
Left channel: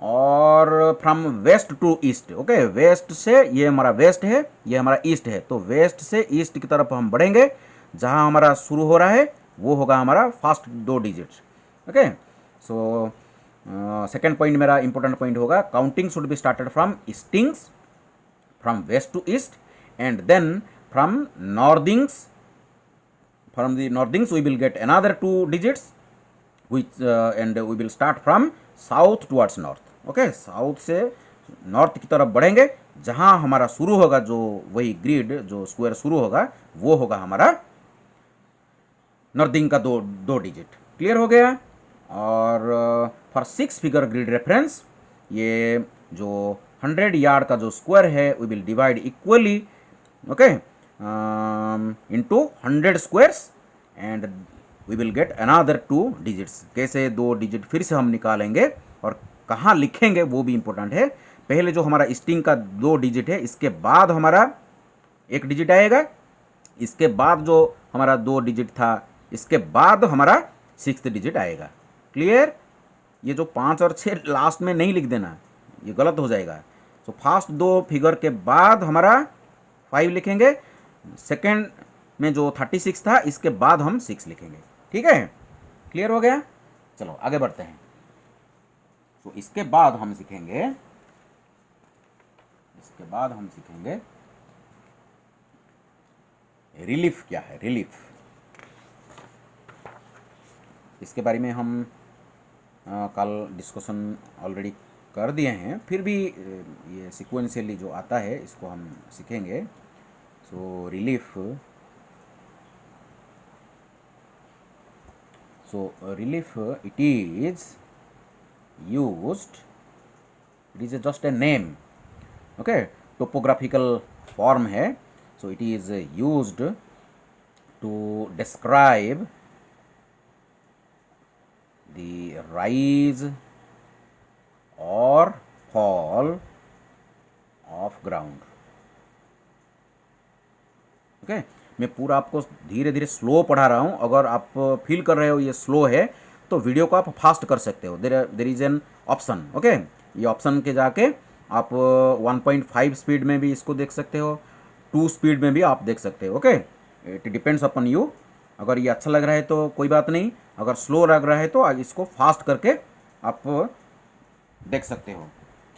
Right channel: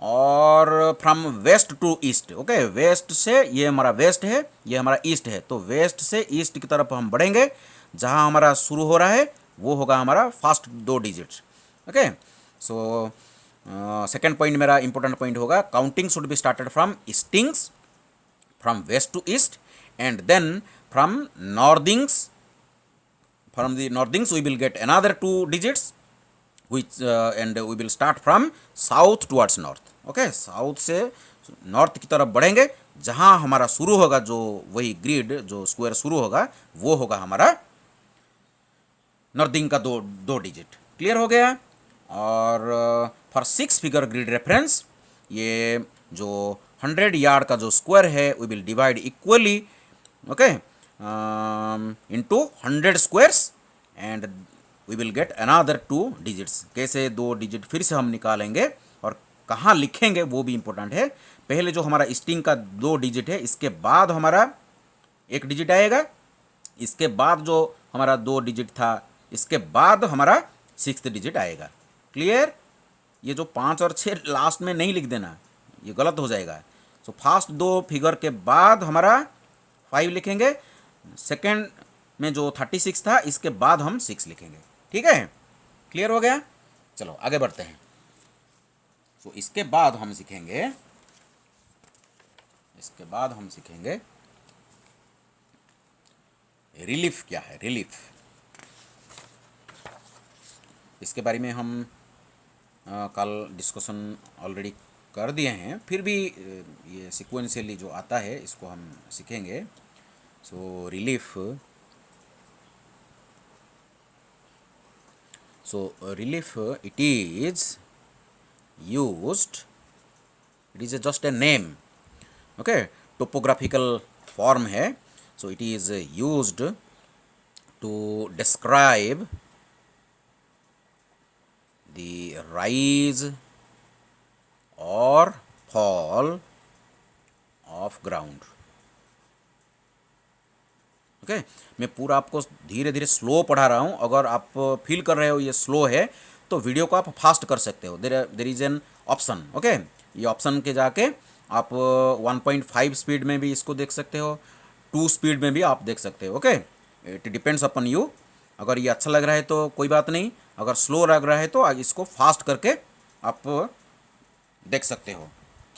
और from west to east, okay. West से, ये हमारा वेस्ट है, ये हमारा ईस्ट है, तो वेस्ट से ईस्ट की तरफ हम बढ़ेंगे। जहाँ हमारा शुरू हो रहा है वो होगा हमारा first 2 digits, okay. So second point मेरा इंपॉर्टेंट पॉइंट होगा, counting should be started from eastings, from west to east, and then from northings, from the northings we will get another 2 digits, which and we will start from south towards north, okay। South से north की तरफ बढ़ेंगे, जहाँ हमारा शुरू होगा, जो वही ग्रिड जो स्क्वायर शुरू होगा वो होगा हमारा नॉर्थिंग का 2 डिजिट। क्लियर हो गया। और फॉर 6 फिगर ग्रिड रेफरेंस, ये जो 100 यार्ड का जो स्क्वायर है we will divide equally, okay, into 100 squares and we will get another 2 digits. कैसे 2 डिजिट फिर से हम निकालेंगे और कहाँ लिखेंगे वो भी इंपॉर्टेंट है। पहले जो हमारा स्ट्रिंग का 2 डिजिट है, इसके बाद हमारा 1 डिजिट आएगा, इसके बाद जो हमारा 2 डिजिट था, इसके बाद हमारा 6th डिजिट आएगा। क्लियर। ये जो 5 और 6 लास्ट में नहीं लिख देना, ये गलत हो जाएगा। सो फर्स्ट 2 फिगर के बाद हमारा 5 लिखेंगे, सेकेंड में जो 36 था इसके बाद हम 6 लिखेंगे, ठीक है। क्लियर हो गया। चलो आगे बढ़ते हैं। सो इसके बाद हम सीखेंगे रिलीफ क्या है। रिलीफ, इसके बारे में हम कल डिस्कशन ऑलरेडी कर दिए हैं, फिर भी ये सिक्वेंशियली जो आता है इसको हम सीखेंगे। So relief, it is used, it is just a name, okay, topographical form है। So it is used to describe the rise or fall of ground, okay. मैं पूरा आपको धीरे धीरे स्लो पढ़ा रहा हूँ। अगर आप फील कर रहे हो ये स्लो है तो वीडियो को आप फास्ट कर सकते हो। There is an option, okay. ये ऑप्शन के जाके आप 1.5 स्पीड में भी इसको देख सकते हो, 2 स्पीड में भी आप देख सकते हो, okay. It depends upon you. अगर ये अच्छा लग रहा है तो कोई बात नहीं, अगर स्लो लग रहा है तो इसको फास्ट करके आप देख सकते हो,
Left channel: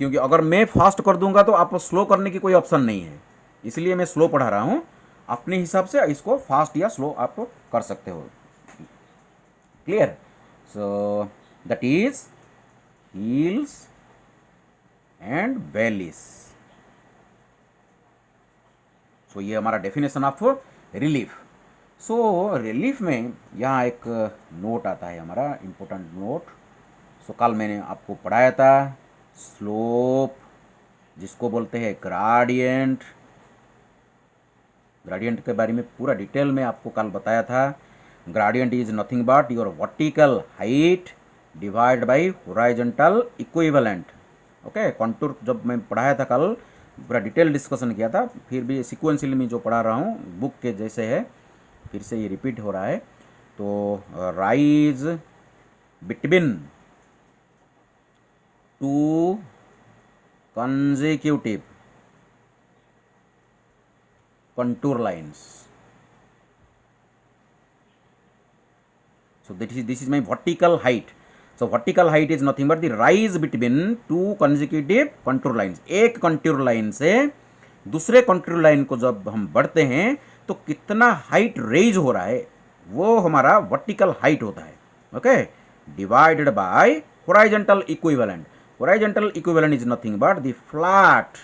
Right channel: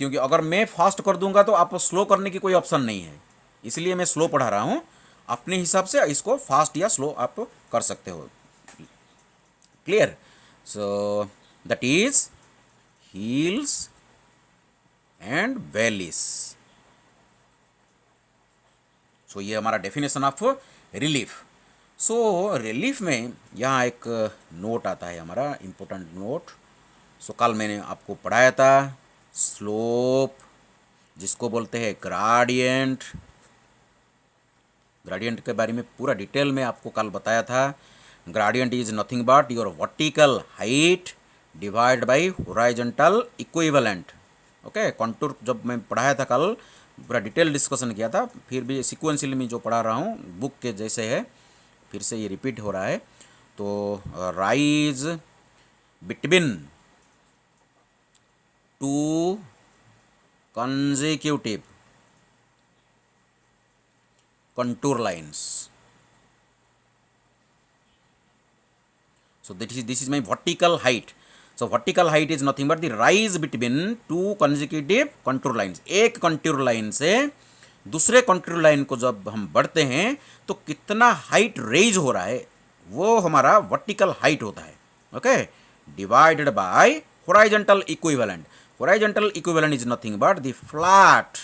क्योंकि अगर मैं फास्ट कर दूंगा तो आप स्लो करने की कोई ऑप्शन नहीं है, इसलिए मैं स्लो पढ़ा रहा हूँ। अपने हिसाब से इसको फास्ट या स्लो आप कर सकते हो। Clear. So that is hills and valleys. So ये हमारा definition of relief. So relief में यहाँ एक नोट आता है हमारा इम्पोर्टेंट नोट। सो कल मैंने आपको पढ़ाया था स्लोप, जिसको बोलते हैं ग्राडियंट। ग्राडियंट के बारे में पूरा डिटेल में आपको कल बताया था। Gradient is nothing but your vertical height divide by horizontal equivalent, okay. Contour जब मैं पढ़ाया था कल पूरा डिटेल डिस्कशन किया था, फिर भी सिक्वेंशियल में जो पढ़ा रहा हूँ बुक के जैसे है, फिर से ये रिपीट हो रहा है। तो rise between 2 consecutive contour lines. So this is my vertical height. So vertical height is nothing but the rise between two consecutive contour lines. एक कंटूर लाइन से दूसरे कंटूर लाइन को जब हम बढ़ते हैं तो कितना हाइट रेज हो रहा है वो हमारा वर्टिकल हाइट होता है। Okay, divided by होराइजेंटल equivalent. होराइजेंटल equivalent is nothing but the flat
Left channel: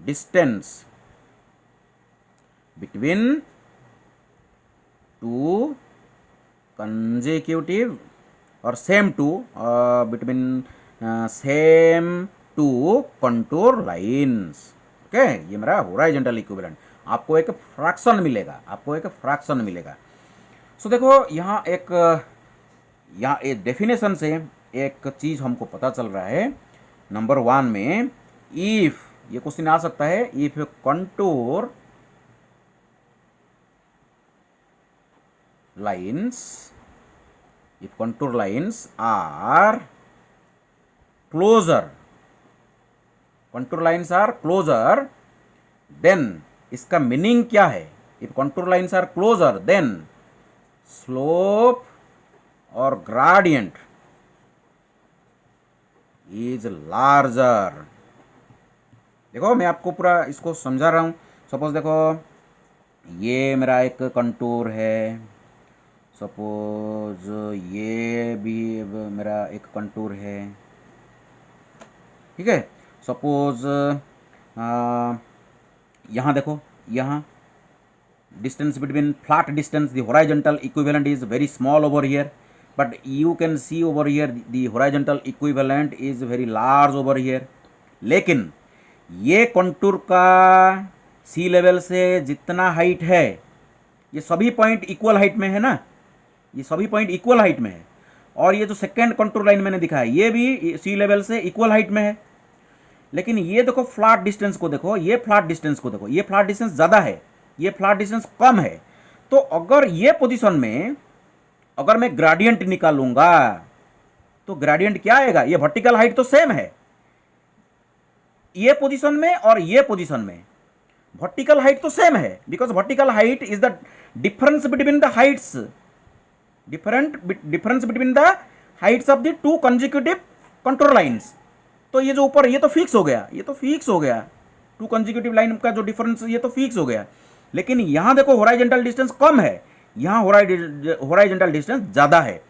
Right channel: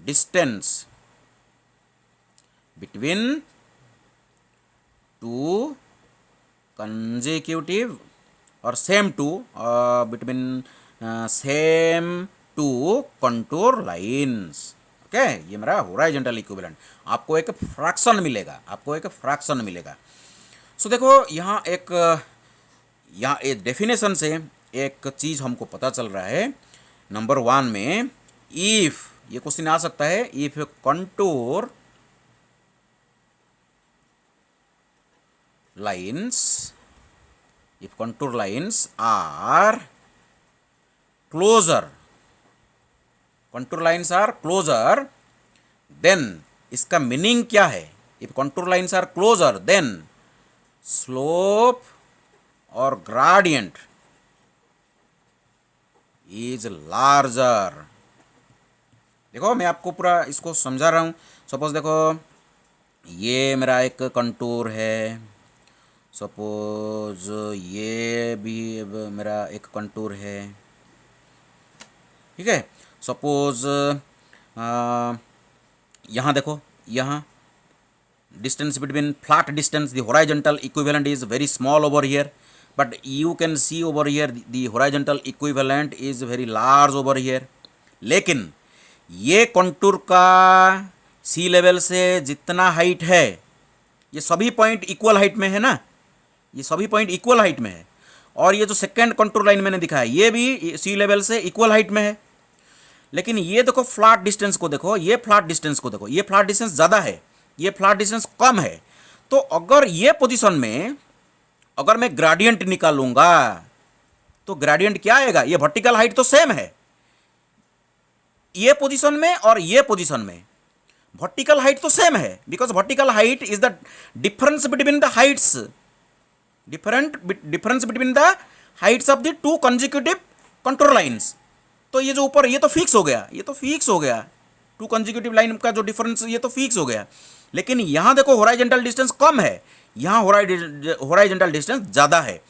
distance between two consecutive or same two between same two contour lines। Okay, ये मेरा होराइजेंटल इक्विवेलेंट। आपको एक फ्रैक्शन मिलेगा, आपको एक फ्रैक्शन मिलेगा। सो देखो यहाँ एक डेफिनेशन से एक चीज़ हमको पता चल रहा है। नंबर 1 में इफ, ये क्वेश्चन आ सकता है, if contour lines, if contour lines are closer, contour lines are closer, then इसका मीनिंग क्या है? if contour lines are closer then slope or gradient is larger। देखो मैं आपको पूरा इसको समझा रहा हूँ। सपोज देखो ये मेरा एक कंटूर है, सपोज ये भी मेरा एक कंटूर है, ठीक है। सपोज यहाँ देखो, यहाँ distance between flat distance the होराइजेंटल equivalent is very small over here, but you can see over here the होराइजेंटल equivalent is very large over here. लेकिन ये कंटूर का सी लेवल से जितना हाइट है, ये सभी पॉइंट इक्वल हाइट में है ना, ये सभी पॉइंट इक्वल हाइट में है। और ये जो सेकेंड कंटूर लाइन मैंने दिखाया ये भी सी लेवल से इक्वल हाइट में है। लेकिन ये देखो फ्लैट डिस्टेंस को देखो, ये फ्लैट डिस्टेंस को देखो, ये फ्लैट डिस्टेंस ज़्यादा है, ये फ्लैट डिस्टेंस कम है। तो अगर ये पोजीशन में अगर मैं ग्रेडियंट निकालूंगा तो ग्रेडियंट क्या आएगा? ये वर्टिकल हाइट तो सेम है ये पोजीशन में और ये पोजीशन में, वर्टिकल हाइट तो सेम है, because vertical height is the difference between the Heights, difference between the Heights of the two consecutive contour lines. तो ये जो ऊपर ये तो फिक्स हो गया, ये तो फिक्स हो गया, टू कंसेक्यूटिव लाइन का जो डिफरेंस ये तो फिक्स हो गया। लेकिन यहाँ देखो होराइजेंटल डिस्टेंस कम है, यहाँ होराइजेंटल डिस्टेंस ज़्यादा है।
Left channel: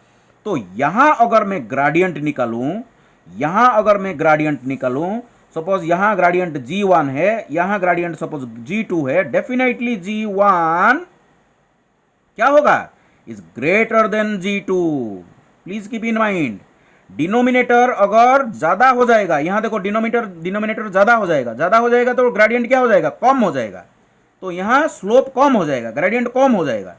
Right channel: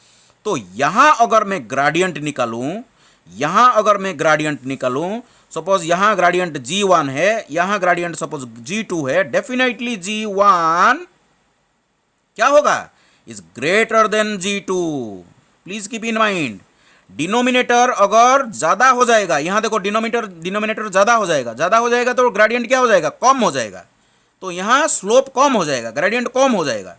तो यहाँ अगर मैं ग्रेडियंट निकालूँ, यहाँ अगर मैं ग्रेडियंट निकालूँ, सपोज यहाँ ग्रेडियंट G1 है, यहाँ ग्रेडियंट सपोज G2 है, डेफिनेटली G1 क्या होगा? Is greater then G2। Please keep in mind, denominator अगर ज्यादा हो जाएगा, यहां देखो डिनोमिनेटर ज्यादा हो जाएगा तो ग्रेडियंट क्या हो जाएगा? कम हो जाएगा। तो यहां स्लोप कम हो जाएगा, ग्रेडियंट कम हो जाएगा।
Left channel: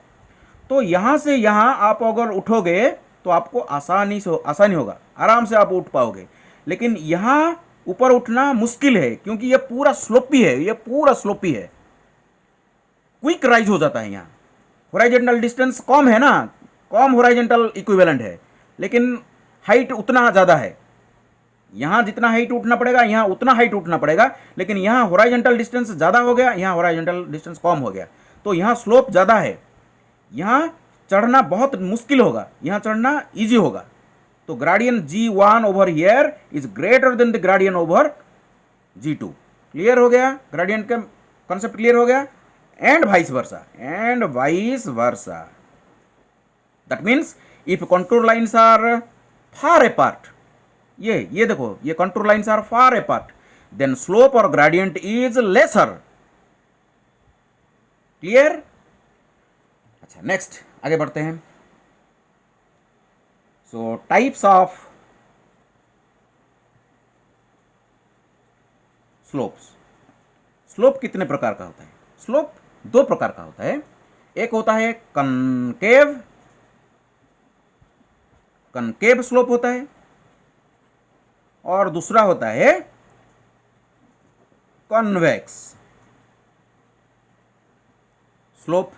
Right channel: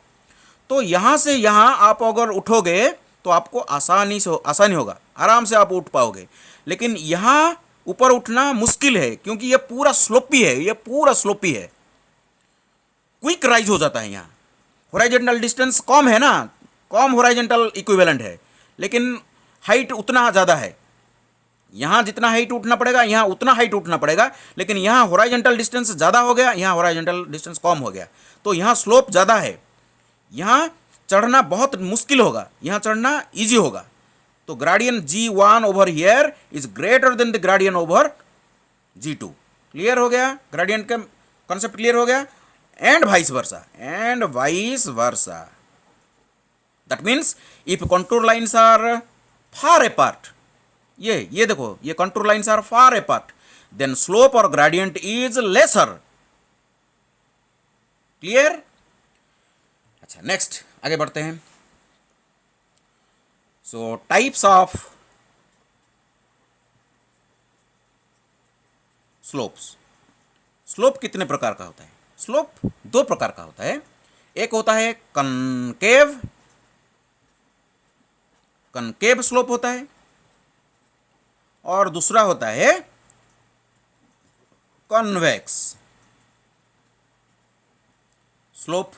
तो यहां से यहां आप अगर उठोगे तो आपको आसानी होगा, आराम से आप उठ पाओगे। लेकिन यहां ऊपर उठना मुश्किल है क्योंकि ये पूरा स्लोपी है, ये पूरा स्लोपी है, क्विक राइज हो जाता है। यहाँ होराइजेंटल डिस्टेंस कम है ना, कम होराइजेंटल इक्विवेलेंट है, लेकिन हाइट उतना ज़्यादा है। यहाँ जितना हाइट उठना पड़ेगा यहाँ उतना हाइट उठना पड़ेगा, लेकिन यहाँ होराइजेंटल डिस्टेंस ज़्यादा हो गया, यहाँ होराइजेंटल डिस्टेंस कम हो गया। तो यहाँ स्लोप ज़्यादा है, यहाँ चढ़ना बहुत मुश्किल होगा, यहाँ चढ़ना ईजी होगा। तो gradient G1 over here is greater than the gradient over G2। Clear हो गया? ग्रेडियंट का कॉन्सेप्ट क्लियर हो गया? And vice versa, that means if contour lines are far apart, ये देखो ये contour lines are far apart, then slope और gradient is lesser. Clear? अच्छा, नेक्स्ट आगे बढ़ते हैं। So types of slopes. Slope कितने प्रकार का होता है? स्लोप दो प्रकार का होता है। एक होता है कनकेव स्लोप होता है, और दूसरा होता है कन्वेक्स स्लोप।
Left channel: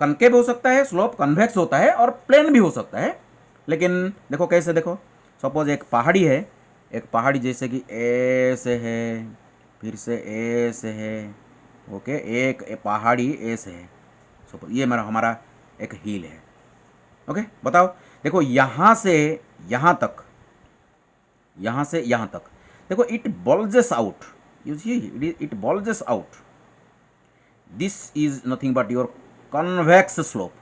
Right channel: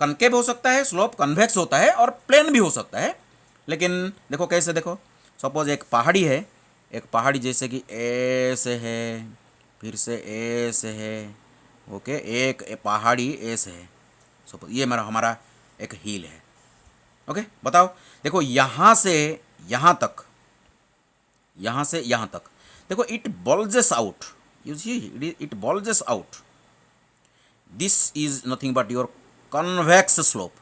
कनकेव हो सकता है स्लोप, कन्वेक्स होता है, और प्लेन भी हो सकता है। लेकिन देखो कैसे, देखो सपोज एक पहाड़ी है, एक पहाड़ी जैसे कि ए से है, फिर से ए से है, ओके, एक पहाड़ी ए से है, सपोज ये हमारा एक हिल है। ओके, बताओ, देखो यहाँ से यहाँ तक, यहाँ से यहाँ तक, देखो it bulges out, you see it bulges out. This is nothing but your convex slope.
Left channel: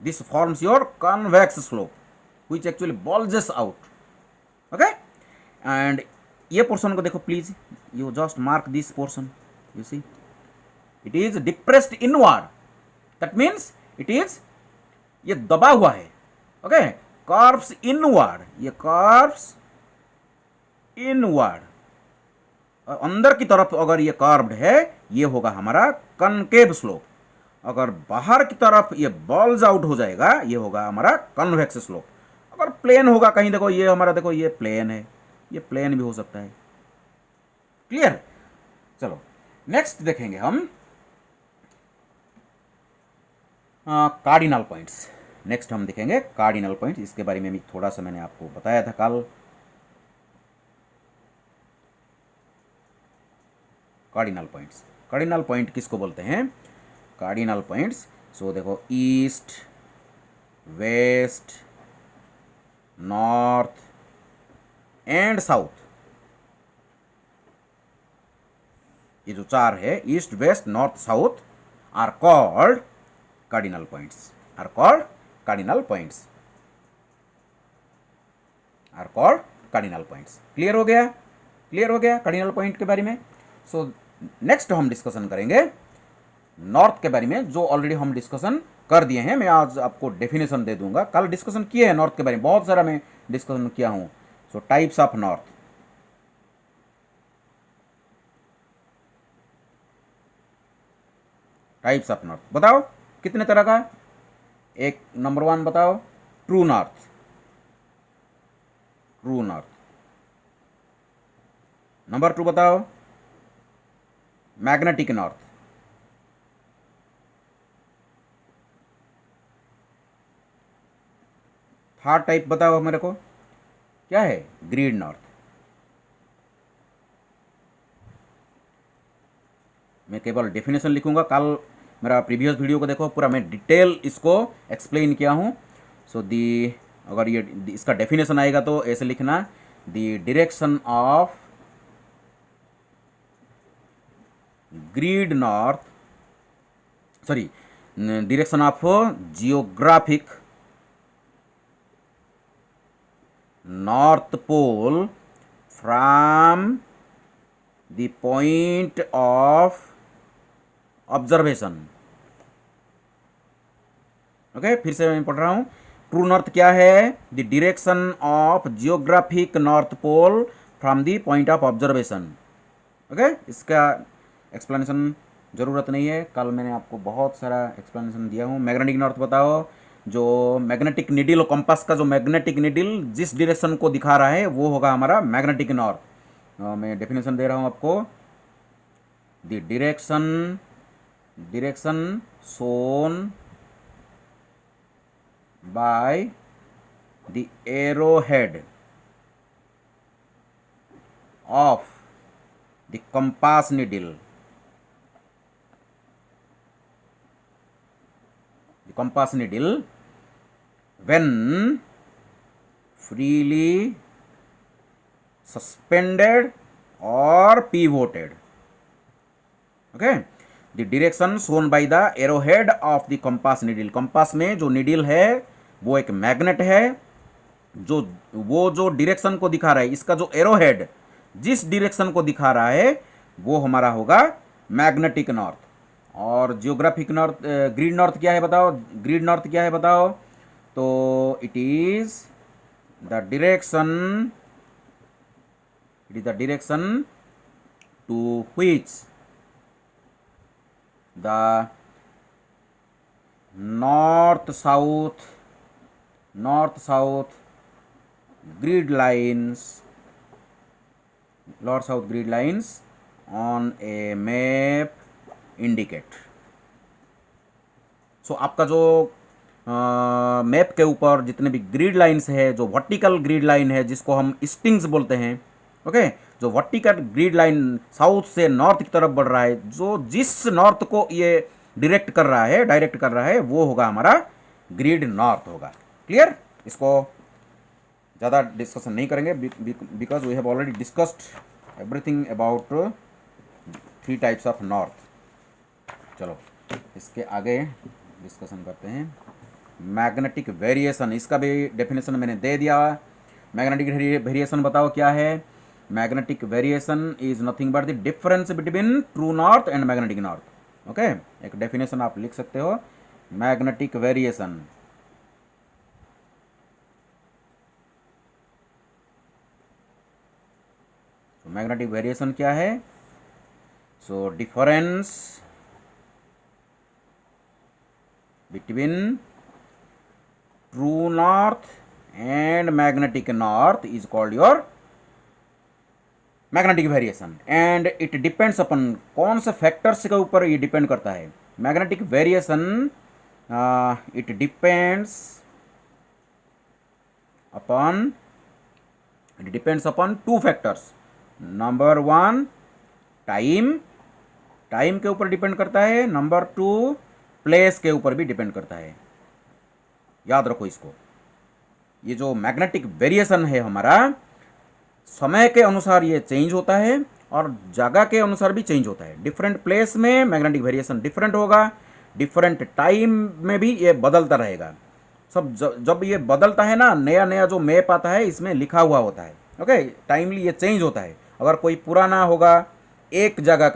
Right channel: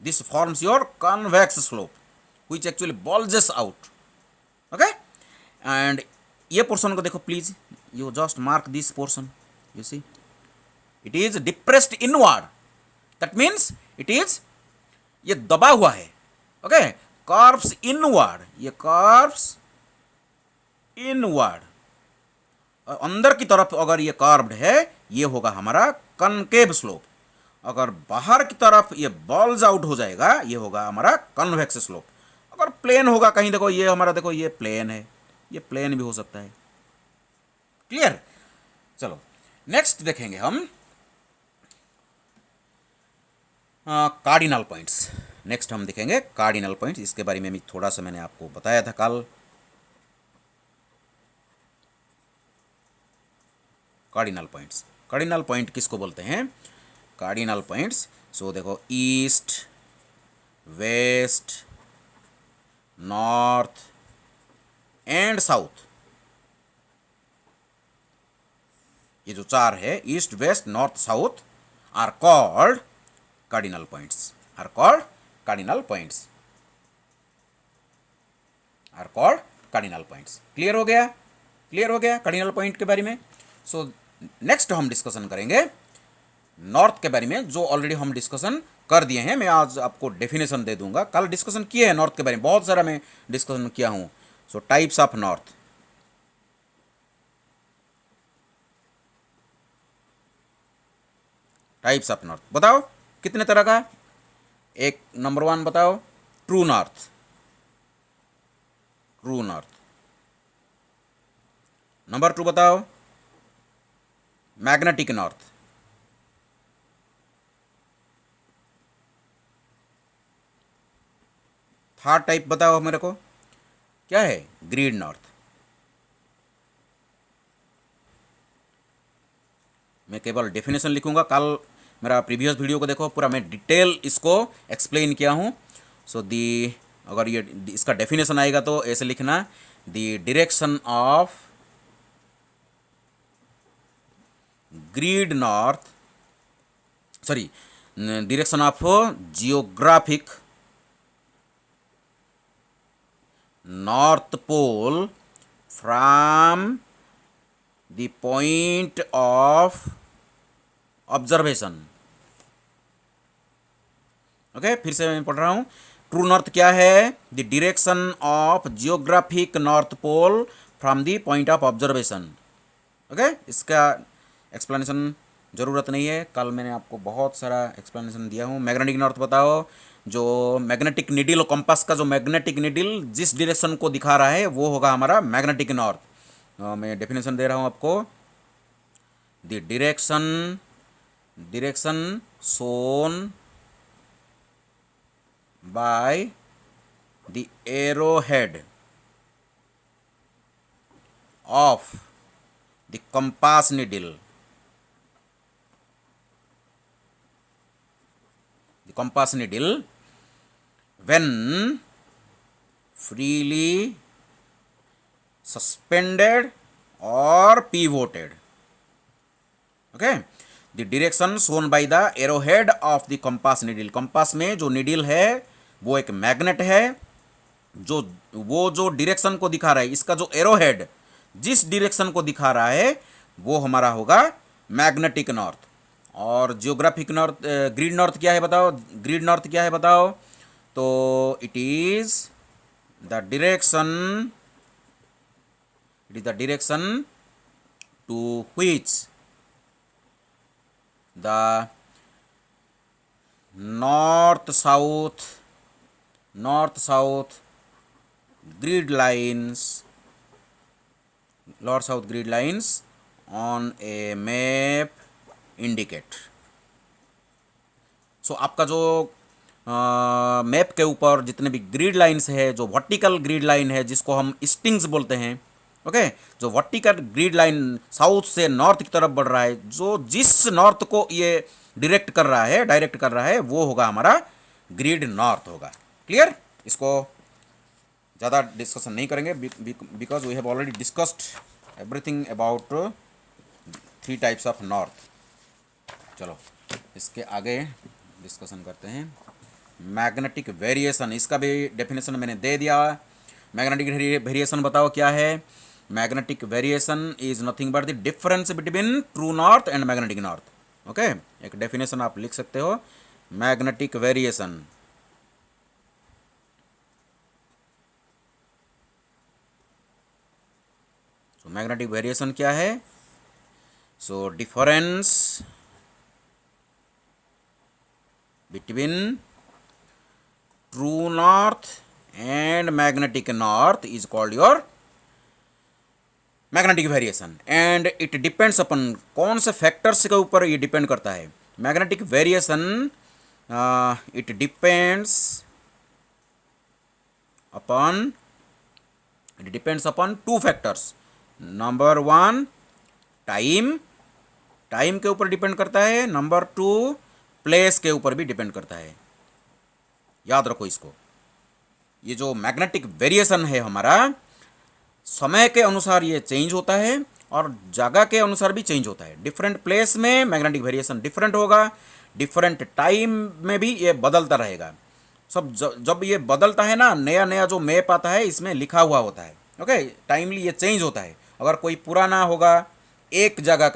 This forms your convex slope, which actually bulges out. Okay? And ये portion को देखो please. You just mark this portion. You see, it is depressed inward. That means it is, ये दबा हुआ है. Okay? Curves inward. ये curves inward. और अंदर की तरफ अगर ये कर्व्ड है, ये होगा हमारा कनकेव स्लोप. अगर बाहर की तरफ ये बॉल्स आउट हो जाएगा, ये होगा हमारा कन्वेक्स स्लोप. अगर प्लेन होगा कहीं, देखो ये हमारा, देखो ये प्लेन है, ये प्लेन भी हो सकता है. क्लियर? चलो नेक्स्ट देखेंगे हम कार्डिनल पॉइंट्स. नेक्स्ट हम देखेंगे कार्डिनल पॉइंट्स. इसके बारे में भी थोड़ा सा मैंने आपको बताया था कल. कार्डिनल पॉइंट्स, कार्डिनल पॉइंट किसको बोलते हैं? Cardinal points. सो देखो east, west, north and south, ये जो चार है, east west north south, are called cardinal points. Are called cardinal points. Are called cardinal points. Clear हो गया? क्लियर हो गया कार्डिनल पॉइंट के बारे में. सो नेक्स्ट हम डिस्कशन करेंगे नॉर्थ के बारे में, जो ऑलरेडी हम डिस्कशन कर दिए हैं. मैं आज आपको डेफिनेशन दे दूंगा. कल डिस्कशन किए हैं नॉर्थ के बारे में, बहुत सारा मैं डिस्कशन किया हूं. सो types of north. Types of north बताओ कितने तरह का? एक नंबर 1 बताओ, true north. True north. Number 2 बताओ, मैग्नेटिक नॉर्थ. थर्ड टाइप बताओ मेरे को, क्या है? Grid north. मैं केवल डेफिनेशन लिखूंगा. कल मेरा प्रीवियस वीडियो को देखो, पूरा मैं डिटेल इसको एक्सप्लेन किया हूँ. सो दी, अगर ये इसका डेफिनेशन आएगा तो ऐसे लिखना, the direction of grid north, sorry, direction of geographic north pole from the point of observation. Okay, फिर से मैं पढ़ रहा हूँ. ट्रू नॉर्थ क्या है? The direction of geographic north pole from the point of observation. Okay, इसका explanation ज़रूरत नहीं है, कल मैंने आपको बहुत सारा एक्सप्लेनेशन दिया हूँ. मैग्नेटिक नॉर्थ बताओ, जो मैग्नेटिक नीडल, कंपास का जो मैग्नेटिक नीडल जिस डायरेक्शन को दिखा रहा है, वो होगा हमारा मैग्नेटिक नॉर्थ. मैं डेफिनेशन दे रहा हूँ आपको. The direction shown by the arrowhead of the compass needle. The compass needle when freely suspended or pivoted. Okay, the direction shown by the arrowhead of the compass needle. Compass में जो needle है वो एक magnet है, जो वो जो direction को दिखा रहा है, इसका जो एरोहेड जिस डायरेक्शन को दिखा रहा है, वो हमारा होगा मैग्नेटिक नॉर्थ. और जियोग्राफिक नॉर्थ, ग्रीड नॉर्थ क्या है बताओ? ग्रीड नॉर्थ क्या है बताओ? तो it is the direction to which the north south grid lines on a map indicate. So आपका जो मैप के ऊपर जितने भी ग्रिड लाइंस है, जो वर्टिकल ग्रिड लाइन है जिसको हम स्टिंग्स बोलते हैं, ओके, जो वर्टिकल ग्रिड लाइन साउथ से नॉर्थ की तरफ बढ़ रहा है, जो जिस नॉर्थ को ये डायरेक्ट कर रहा है, वो होगा हमारा ग्रिड नॉर्थ होगा. क्लियर? इसको ज़्यादा डिस्कशन नहीं करेंगे because we have already discussed everything about 3 types of north. चलो इसके आगे डिस्कशन करते हैं। मैग्नेटिक वेरिएशन, इसका भी डेफिनेशन मैंने दे दिया। मैग्नेटिक वेरिएशन बताओ क्या है। Magnetic variation is nothing but the difference between true north and magnetic north. Okay, एक डेफिनेशन आप लिख सकते हो, magnetic variation. So magnetic variation क्या है? So difference between true north and magnetic north is called your magnetic variation and it depends upon कौन से factors के ऊपर ये डिपेंड करता है। Magnetic variation it depends upon 2 factors. Number 1 time, time के ऊपर डिपेंड करता है। नंबर 2 प्लेस के ऊपर भी डिपेंड करता है। याद रखो इसको। ये जो मैग्नेटिक वेरिएशन है हमारा, समय के अनुसार ये चेंज होता है और जगह के अनुसार भी चेंज होता है। डिफरेंट प्लेस में मैग्नेटिक वेरिएशन डिफरेंट होगा, डिफरेंट टाइम में भी ये बदलता रहेगा। सब जब ये बदलता है ना, नया नया जो मैप आता है इसमें लिखा हुआ होता है। ओके, टाइमली ये चेंज होता है। अगर कोई पुराना होगा, एक जगह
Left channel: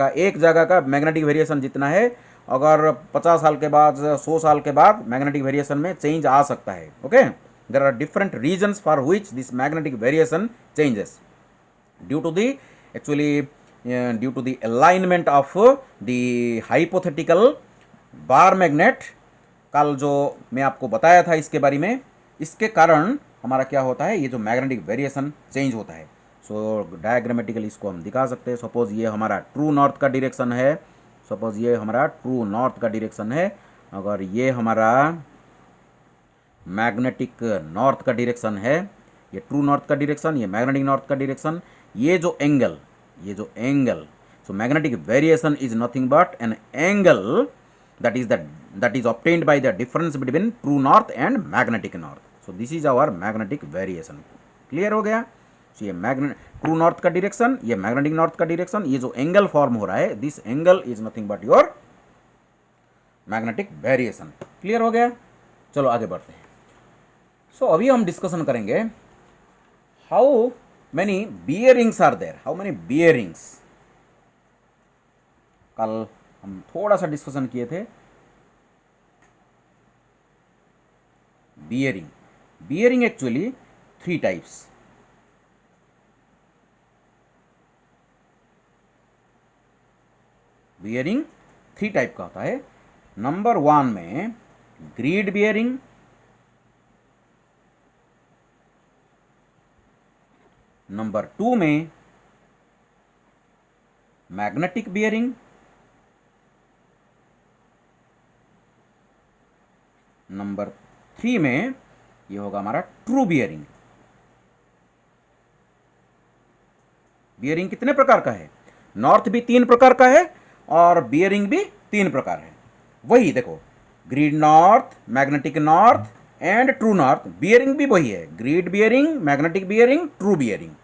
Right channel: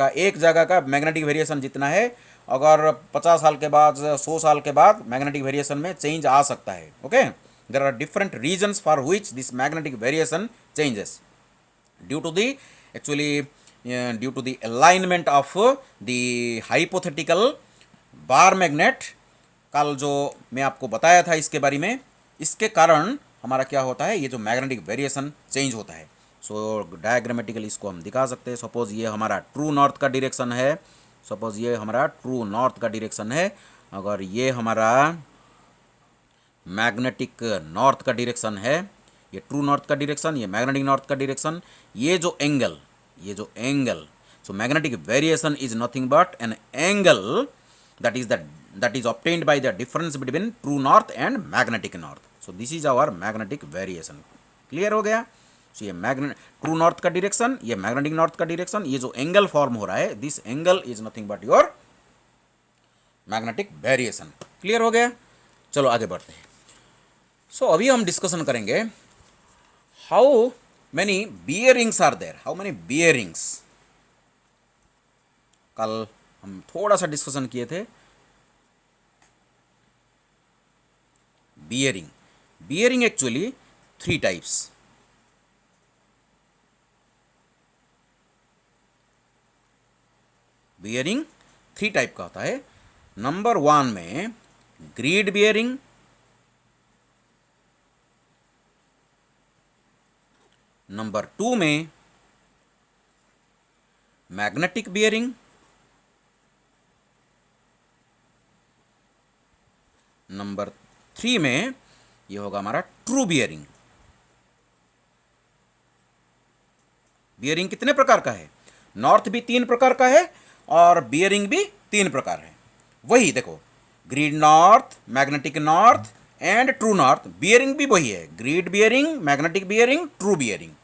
का मैग्नेटिक वेरिएशन जितना है, अगर 50 साल के बाद 100 साल के बाद मैग्नेटिक वेरिएशन में चेंज आ सकता है। Okay, there are different reasons for which this magnetic variation changes due to the due to the alignment of the hypothetical bar magnet. कल जो मैं आपको बताया था इसके बारे में, इसके कारण हमारा क्या होता है, ये जो मैग्नेटिक वेरिएशन चेंज होता है। सो डायग्रामेटिकली इसको हम दिखा सकते हैं। सपोज ये हमारा ट्रू नॉर्थ का डायरेक्शन है, सपोज ये हमारा ट्रू नॉर्थ का डायरेक्शन है। अगर ये हमारा मैग्नेटिक नॉर्थ का डायरेक्शन है, ये ट्रू नॉर्थ का डायरेक्शन, ये मैग्नेटिक नॉर्थ का डायरेक्शन, ये जो angle, so magnetic variation is nothing but an angle that is obtained by the difference between true north and magnetic north. So this is our magnetic variation. Clear हो गया? So ये true north का direction, ये magnetic north का direction, ये जो angle form हो रहा है, this angle is nothing but your magnetic variation. Clear हो गया? चलो आगे बढ़ते हैं। सो अभी हम डिस्कशन करेंगे how many bearings are there, how many bearings. कल हम थोड़ा सा डिस्कशन किए थे bearing actually 3 types. Bearing 3 type का होता है। नंबर 1 में ग्रीड बियरिंग, नंबर 2 में मैग्नेटिक बियरिंग, नंबर 3 में ये होगा हमारा ट्रू बियरिंग। बियरिंग कितने प्रकार का है? नॉर्थ भी 3 प्रकार का है और बियरिंग भी 3 प्रकार है। वही देखो, grid north, magnetic north and true north. Bearing भी वही है, grid bearing, magnetic bearing, true bearing.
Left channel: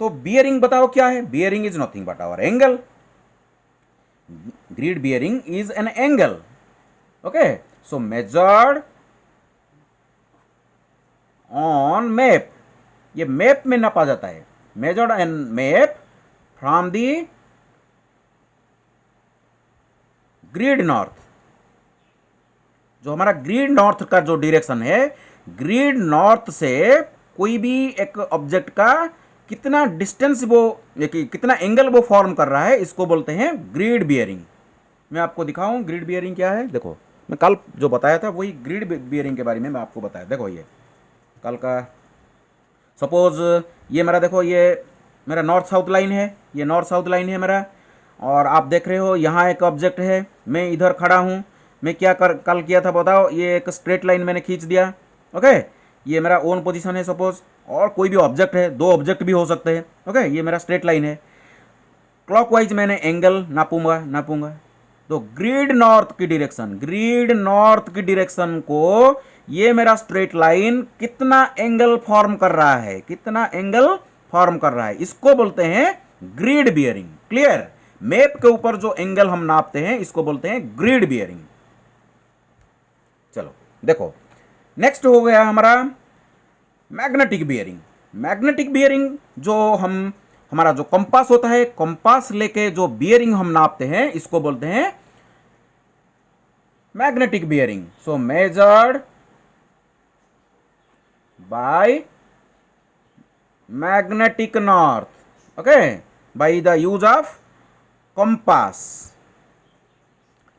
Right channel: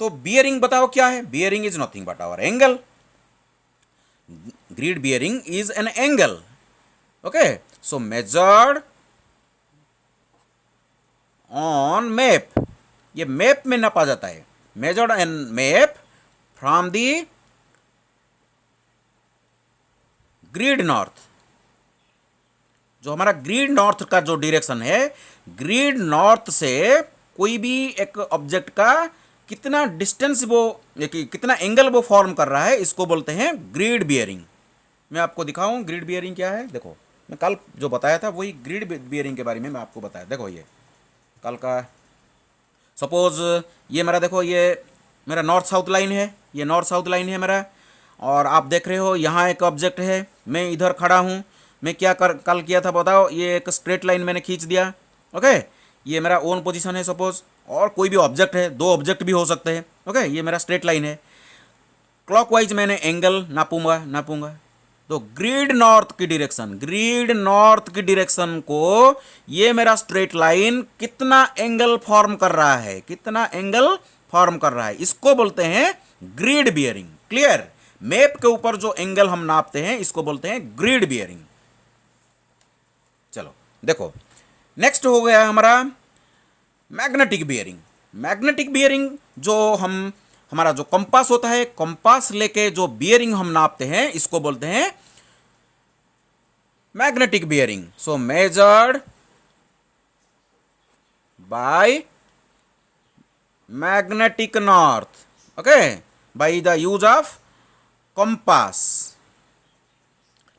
तो बियरिंग बताओ क्या है? Bearing is nothing but our angle. Grid bearing is an angle. Okay, so measured on map, ये map में नापा जाता है। measured and map from the grid north. जो हमारा ग्रीड नॉर्थ का जो डायरेक्शन है, ग्रीड नॉर्थ से कोई भी एक ऑब्जेक्ट का कितना डिस्टेंस वो, कितना एंगल वो फॉर्म कर रहा है, इसको बोलते हैं ग्रीड बियरिंग। मैं आपको दिखाऊं ग्रीड बियरिंग क्या है। देखो, मैं कल जो बताया था वही ग्रीड बियरिंग के बारे में मैं आपको बताया। देखो ये कल का, सपोज ये मेरा, देखो ये मेरा नॉर्थ साउथ लाइन है, ये नॉर्थ साउथ लाइन है मेरा, और आप देख रहे हो यहाँ एक ऑब्जेक्ट है, मैं इधर खड़ा हूँ। मैं क्या कल किया था बताओ, ये एक स्ट्रेट लाइन मैंने खींच दिया। ओके, ये मेरा ओन पोजीशन है सपोज, और कोई भी ऑब्जेक्ट है, 2 ऑब्जेक्ट भी हो सकते हैं। ओके, ये मेरा स्ट्रेट लाइन है। क्लॉकवाइज मैंने एंगल नापूंगा। तो ग्रिड नॉर्थ की डायरेक्शन को ये मेरा स्ट्रेट लाइन कितना एंगल फॉर्म कर रहा है, इसको बोलते हैं ग्रिड बियरिंग। क्लियर? मैप के ऊपर जो एंगल हम नापते हैं इसको बोलते हैं ग्रिड बियरिंग। चलो देखो, नेक्स्ट हो गया हमारा मैग्नेटिक बियरिंग। जो हमारा जो कंपास होता है, कंपास लेके जो बियरिंग हम नापते हैं इसको बोलते हैं magnetic bearing. So measured by magnetic north, okay, by the use of compass.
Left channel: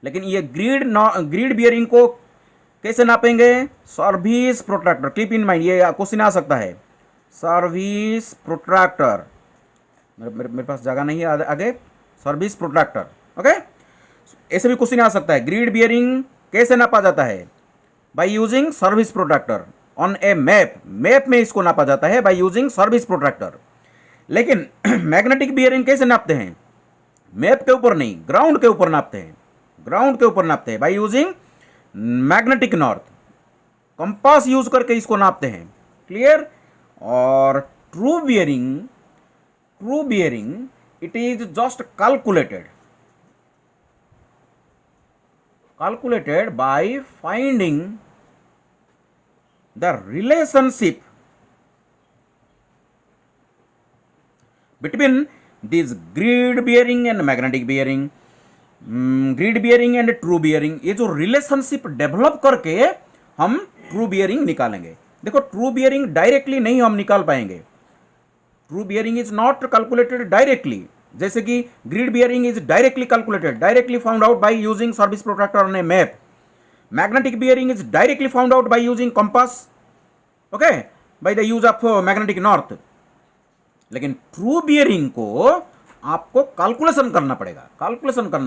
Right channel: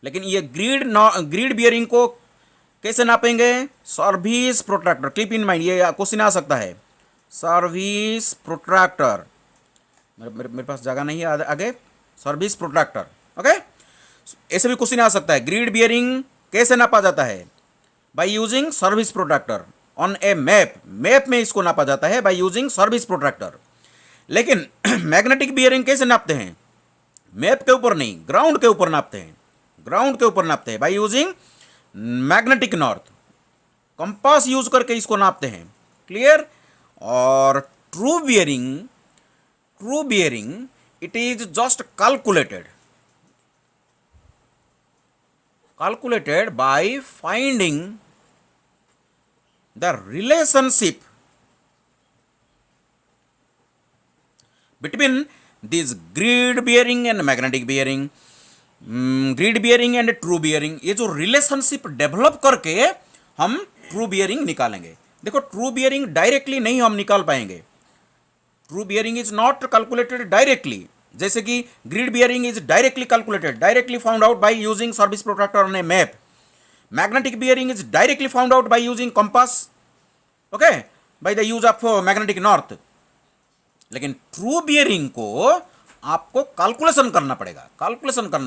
लेकिन ये ग्रिड बियरिंग को कैसे नापेंगे? Service protractor. Keep in mind, ये क्वेश्चन आ सकता है। सर्विस प्रोट्रैक्टर, मेरे पास जगह नहीं है आगे। Service protractor, okay. ऐसे भी क्वेश्चन आ सकता है, ग्रिड बियरिंग कैसे नापा जाता है? By using service protractor on A map में इसको नापा जाता है बाय यूजिंग सर्विस प्रोट्रैक्टर। लेकिन मैग्नेटिक बियरिंग कैसे नापते हैं? मैप के ऊपर नहीं, ग्राउंड के ऊपर नापते हैं by using magnetic north. Compass use करके इसको नापते हैं। क्लियर? और true bearing it is just calculated by finding the relationship between this grid bearing and magnetic bearing, grid bearing and true bearing. ये जो रिलेशनशिप डेवलप करके हम true bearing निकालेंगे। देखो, ट्रू बियरिंग डायरेक्टली नहीं हम निकाल पाएंगे। True bearing is not calculated directly, जैसे कि grid bearing is directly found out by using service protractor on A map. Magnetic bearing is directly found out by using compass, okay, by the use of magnetic north. लेकिन true bearing को आपको calculation करना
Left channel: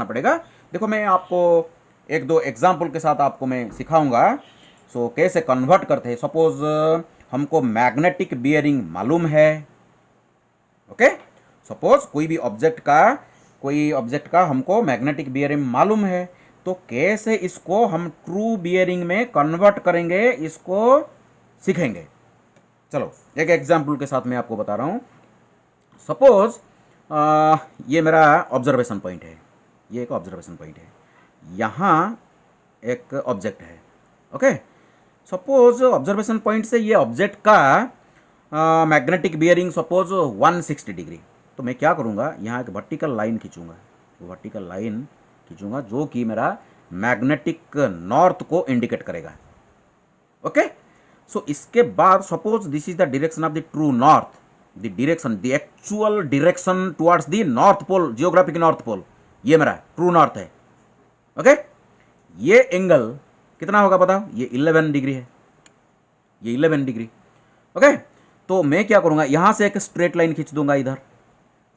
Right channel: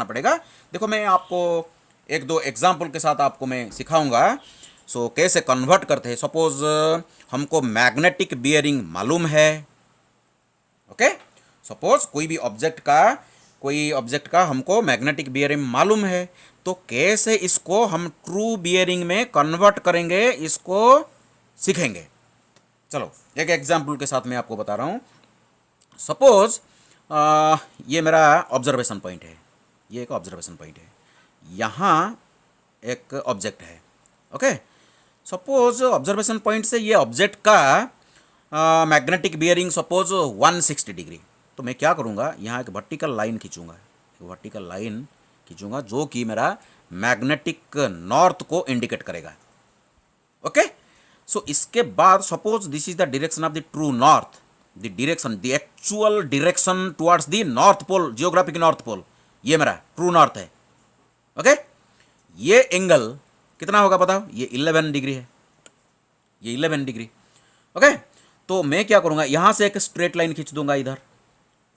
पड़ेगा। देखो, मैं आपको एक दो एग्जाम्पल के साथ आपको मैं सिखाऊंगा। सो कैसे कन्वर्ट करते हैं। सपोज हमको मैग्नेटिक बियरिंग मालूम है, ओके। सपोज कोई ऑब्जेक्ट का हमको मैग्नेटिक बियरिंग मालूम है, तो कैसे इसको हम ट्रू बियरिंग में कन्वर्ट करेंगे, इसको सीखेंगे। चलो एक एग्जाम्पल के साथ मैं आपको बता रहा हूँ। सपोज ये मेरा ऑब्जर्वेशन पॉइंट है, यहाँ एक ऑब्जेक्ट है, ओके। सपोज ऑब्जर्वेशन पॉइंट से ये ऑब्जेक्ट का मैग्नेटिक बियरिंग सपोज 160 डिग्री। तो मैं क्या करूँगा, यहाँ एक वर्टिकल लाइन खींचूंगा जो कि मेरा मैग्नेटिक नॉर्थ को इंडिकेट करेगा, ओके। सो इसके बाद suppose this is the direction of the true north, the actual direction towards the north pole, geographic north pole. ये मेरा ट्रू नॉर्थ है, ओके। ये एंगल कितना होगा बताओ? ये 11 डिग्री है, ओके। तो मैं क्या करूँगा, यहाँ से एक स्ट्रेट लाइन खींच दूंगा इधर।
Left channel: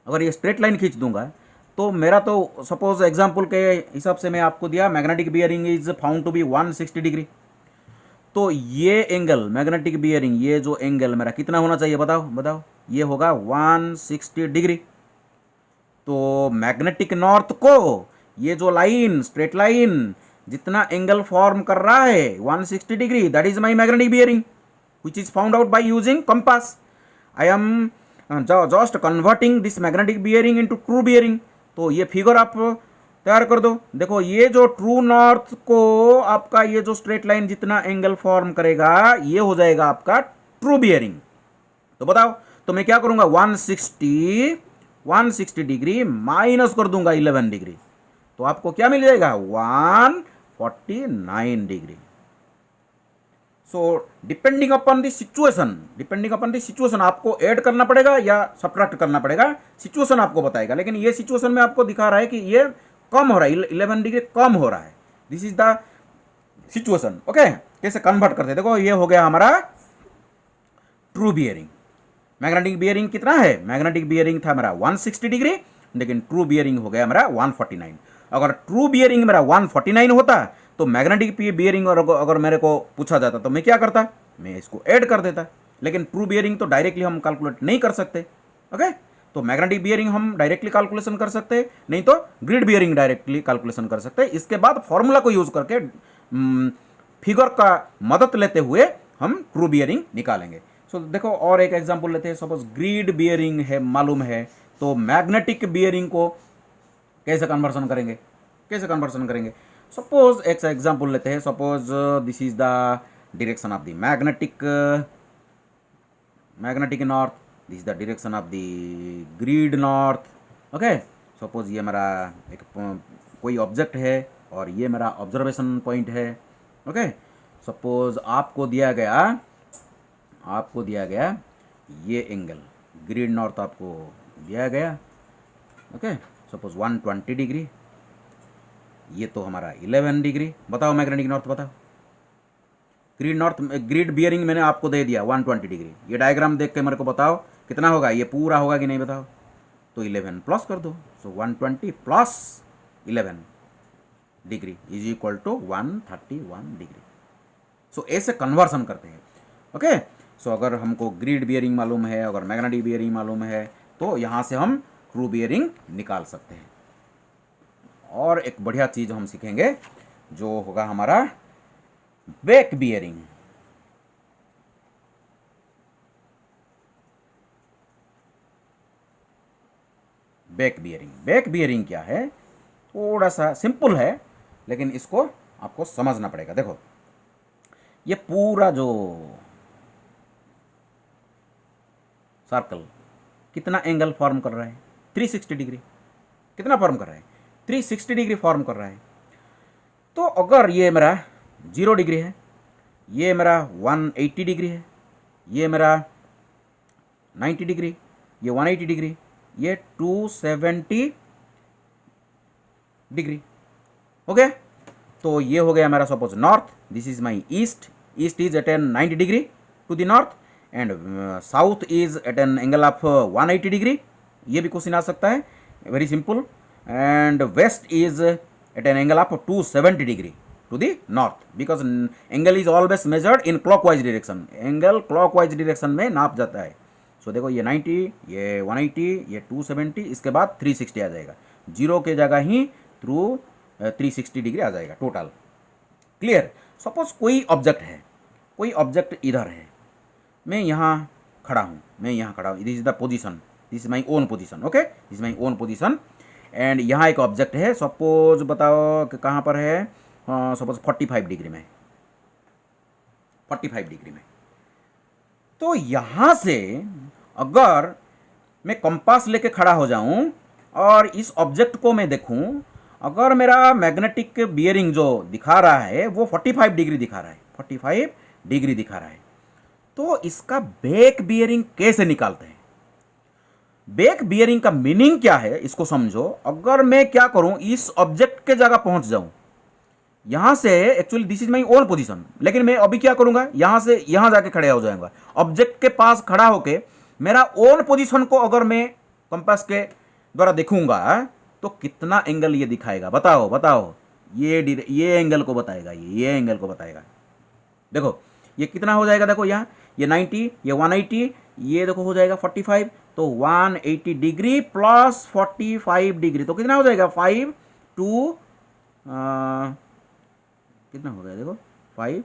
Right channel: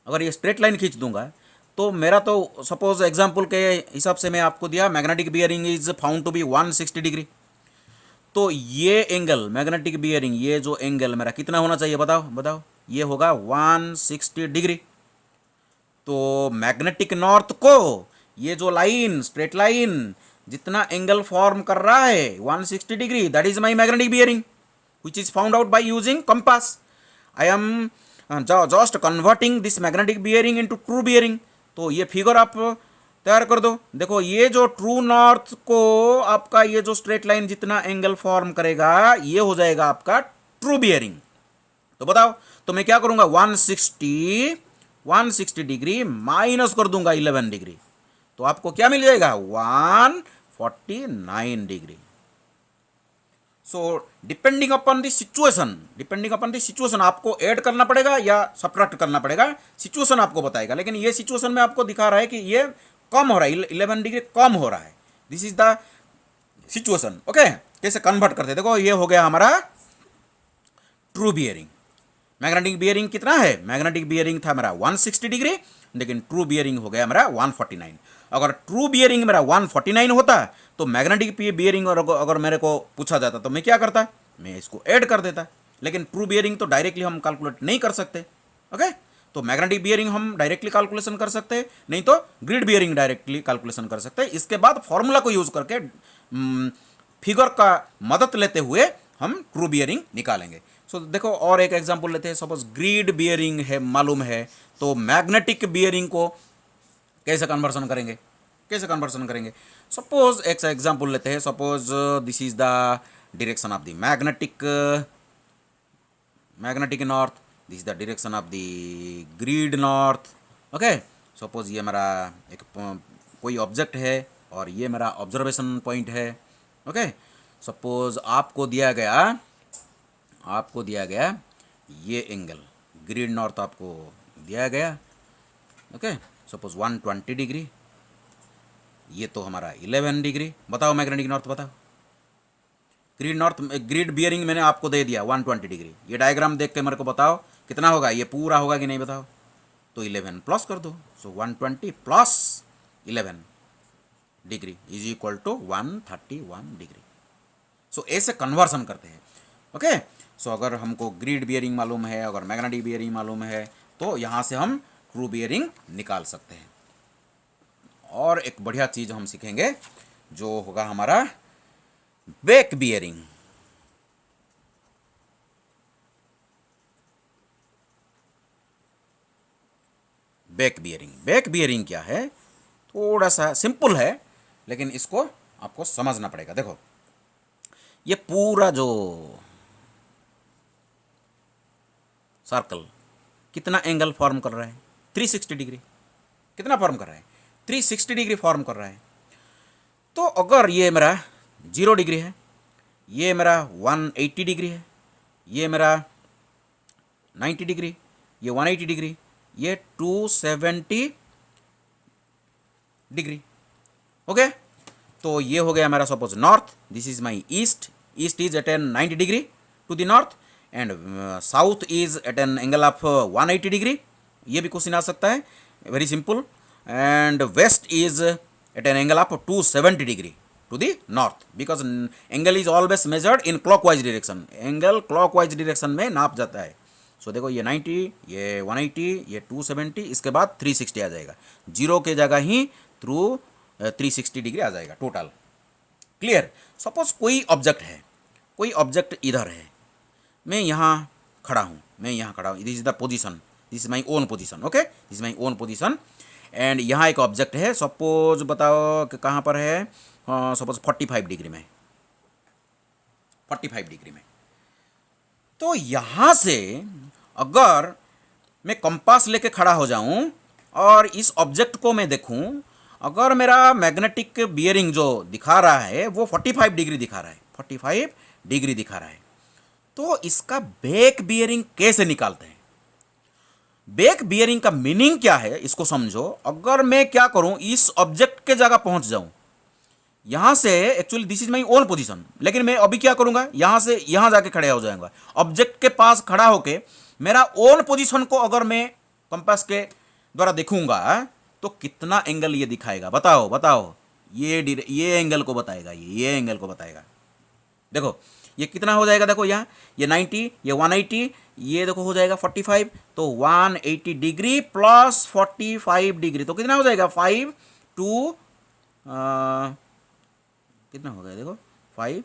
अगर ये स्ट्रेट लाइन खींच दूंगा तो मेरा तो सपोज एग्जाम्पल के हिसाब से मैं आपको दिया, magnetic bearing is found to be 160 degree. तो ये एंगल मैग्नेटिक बियरिंग, ये जो एंगल मेरा कितना होना चाहिए बताओ? ये होगा 160 डिग्री। तो मैग्नेटिक नॉर्थ को ये जो लाइन, स्ट्रेट लाइन जितना एंगल फॉर्म कर रहा है 160 degree, that is my magnetic bearing which is found out by using compass. I am just converting this magnetic bearing into true bearing. तो ये फिगर आप तैयार कर दो। देखो, ये जो ट्रू नॉर्थ को आपका ये जो स्ट्रेट लाइन जितना एंगल फॉर्म करेगा, ये हो जाएगा आपका ट्रू बियरिंग। तो बताओ, तो मैं क्या करूंगा, 160 डिग्री माइनस कर दूंगा 11 डिग्री, तो आपको क्या मिल जाएगा? 149 degree. So depending upon the situation आपको ऐड करना पड़ेगा या सब्ट्रैक्ट करना पड़ेगा, सिचुएशन आपको बताएगा। लेकिन ये सिचुएशन में आपको दिखा रहा है कि ये कम हो रहा है, 11 डिग्री कम हो रहा है। This is the situation, okay. कैसे कन्वर्ट करते हैं, देखो ये हो गया हमारा ट्रू बियरिंग। मैग्नेटिक बियरिंग कितना है? मैग्नेटिक बियरिंग था मेरा 160 डिग्री, लेकिन ट्रू बियरिंग हो गया मेरा 149। अगर ट्रू बियरिंग मेरा 149 होता तो मैग्नेटिक बियरिंग अगर मेरे को पूछा जाता तो मैं क्या करता? मैं इसको ऐड कर देता। लेकिन ट्रू बियरिंग तो डायरेक्टली हम कैलकुलेट नहीं कर सकते, ओके। तो मैग्नेटिक बियरिंग हम डायरेक्टली कैलकुलेशन कर सकते हैं, नहीं तो ग्रिड बियरिंग डायरेक्टली कैलकुलेशन कर सकते हैं। इसके बाद फॉर्मूला को यूज करके फिगर का मदद लेते हुए हम ट्रू बियरिंग निकालेंगे। सो देखो और एक एग्जांपल लेते हैं। सपोज ग्रिड बियरिंग है मालूम है, तो मैग्नेटिक बियरिंग को कैसे कन्वर्सन करेंगे, कैसे कन्वर्सन करेंगे। सपोज एक एग्जांपल लेते हैं। Suppose this is the direction of the magnetic north, this is the direction of the grid north. Okay, suppose ये मेरा एक कोई ऑब्जेक्ट है और ये मेरा ऑब्जर्वेशन पॉइंट है। ओके, सपोज आपको दिया गया ये एंगल ग्रिड नॉर्थ आपको दिया गया। ओके, सपोज 120 डिग्री, ये तो हमारा 11 डिग्री। बताओ मैग्नेटिक नॉर्थ बताओ। ग्रिड बियरिंग मैंने आपको दे दिया 120 डिग्री। ये डायग्राम देख के मेरे को बताओ कितना होगा, ये पूरा होगा कि नहीं बताओ। तो 11 प्लस कर दो। So 120 plus 11 degree is equal to 131 degree. So ऐसे कन्वर्सन करते हैं। ओके, सो अगर हमको ग्रिड बियरिंग मालूम है, अगर मैग्नेटिक बियरिंग मालूम है, तो यहाँ से हम ट्रू बियरिंग निकाल सकते हैं। और एक बढ़िया चीज़ हम सीखेंगे जो होगा हमारा बैक बियरिंग। बैक बियरिंग क्या है, थोड़ा सा सिंपल है, लेकिन इसको आपको समझना पड़ेगा। देखो ये पूरा जो सर्कल कितना एंगल फॉर्म कर रहा है, 360 डिग्री। कितना फॉर्म कर रहा है, 360 डिग्री फॉर्म कर रहा है। तो अगर ये मेरा 0 डिग्री है, ये मेरा 180 डिग्री है, ये मेरा 90 डिग्री, ये 180 डिग्री, ये 270 डिग्री। ओके, तो ये हो गया मेरा suppose north. This is my east is at an 90 degree to the north, and south is at an angle of 180 degree. ये भी क्वेश्चन आ सकता है, very simple. And west is at an angle of 270 degree to the north, because angle is always measured in clockwise direction. Angle clockwise direction में नाप जाता है। सो देखो ये 90, ये 180, ये 270, इसके बाद 360 आ जाएगा। 0 के जगह ही थ्रू 360 डिग्री आ जाएगा टोटल। क्लियर। सपोज कोई ऑब्जेक्ट है, कोई ऑब्जेक्ट इधर है, मैं यहाँ खड़ा हूँ, this is the position, this is my own position. Okay, this is my own position, and यहाँ एक ऑब्जेक्ट है। सपोज बताओ कि कहाँ पर है, सपोज 45 डिग्री में, 45 डिग्री में। तो यहाँ से अगर मैं कंपास लेके खड़ा हो जाऊं और इस ऑब्जेक्ट को मैं देखूं, अगर मेरा मैग्नेटिक बियरिंग जो दिखा रहा है वो 45 डिग्री दिखा रहा है, 45 डिग्री दिखा रहा है, तो इसका बैक बियरिंग कैसे निकालते हैं। बैक बियरिंग का मीनिंग क्या है इसको समझो। अगर मैं क्या करूं, इस ऑब्जेक्ट के जगह पहुंच जाऊं, यहां से actually this is my own position, लेकिन मैं अभी क्या करूंगा, यहां से यहां जाके खड़े हो जाऊंगा। ऑब्जेक्ट के पास खड़ा होके मेरा ओन पोजीशन को अगर मैं कंपास के द्वारा देखूंगा तो कितना एंगल ये दिखाएगा, बताओ बताओ। ये एंगल को बताएगा, ये एंगल को बताएगा। देखो ये कितना हो जाएगा, देखो यहाँ ये 90, ये 180, ये देखो हो जाएगा 45। तो 180 डिग्री प्लस 45 डिग्री, तो कितना हो जाएगा 5 2 कितना हो गया, देखो 5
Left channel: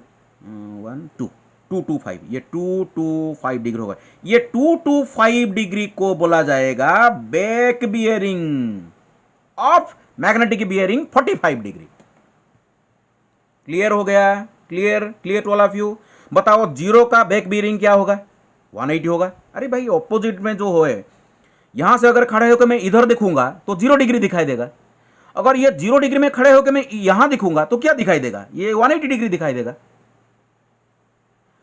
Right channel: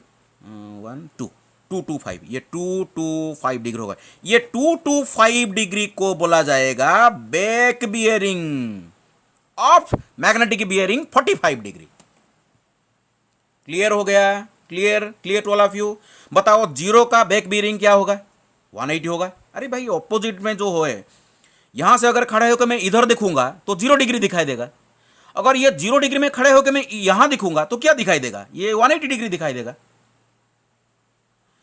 1 2 225, ये 225 डिग्री होगा। ये 225 डिग्री को बोला जाएगा back bearing of magnetic bearing 45 degree. Clear हो गया, clear to all of you. बताओ 0 का बैक बियरिंग क्या होगा, 180 होगा। अरे भाई ऑपोजिट में जो है, यहां से अगर खड़े होकर मैं इधर देखूंगा तो 0 डिग्री दिखाई देगा। अगर ये 0 डिग्री में खड़े होकर मैं यहां दिखूंगा तो क्या दिखाई देगा, ये 180 डिग्री दिखाई देगा।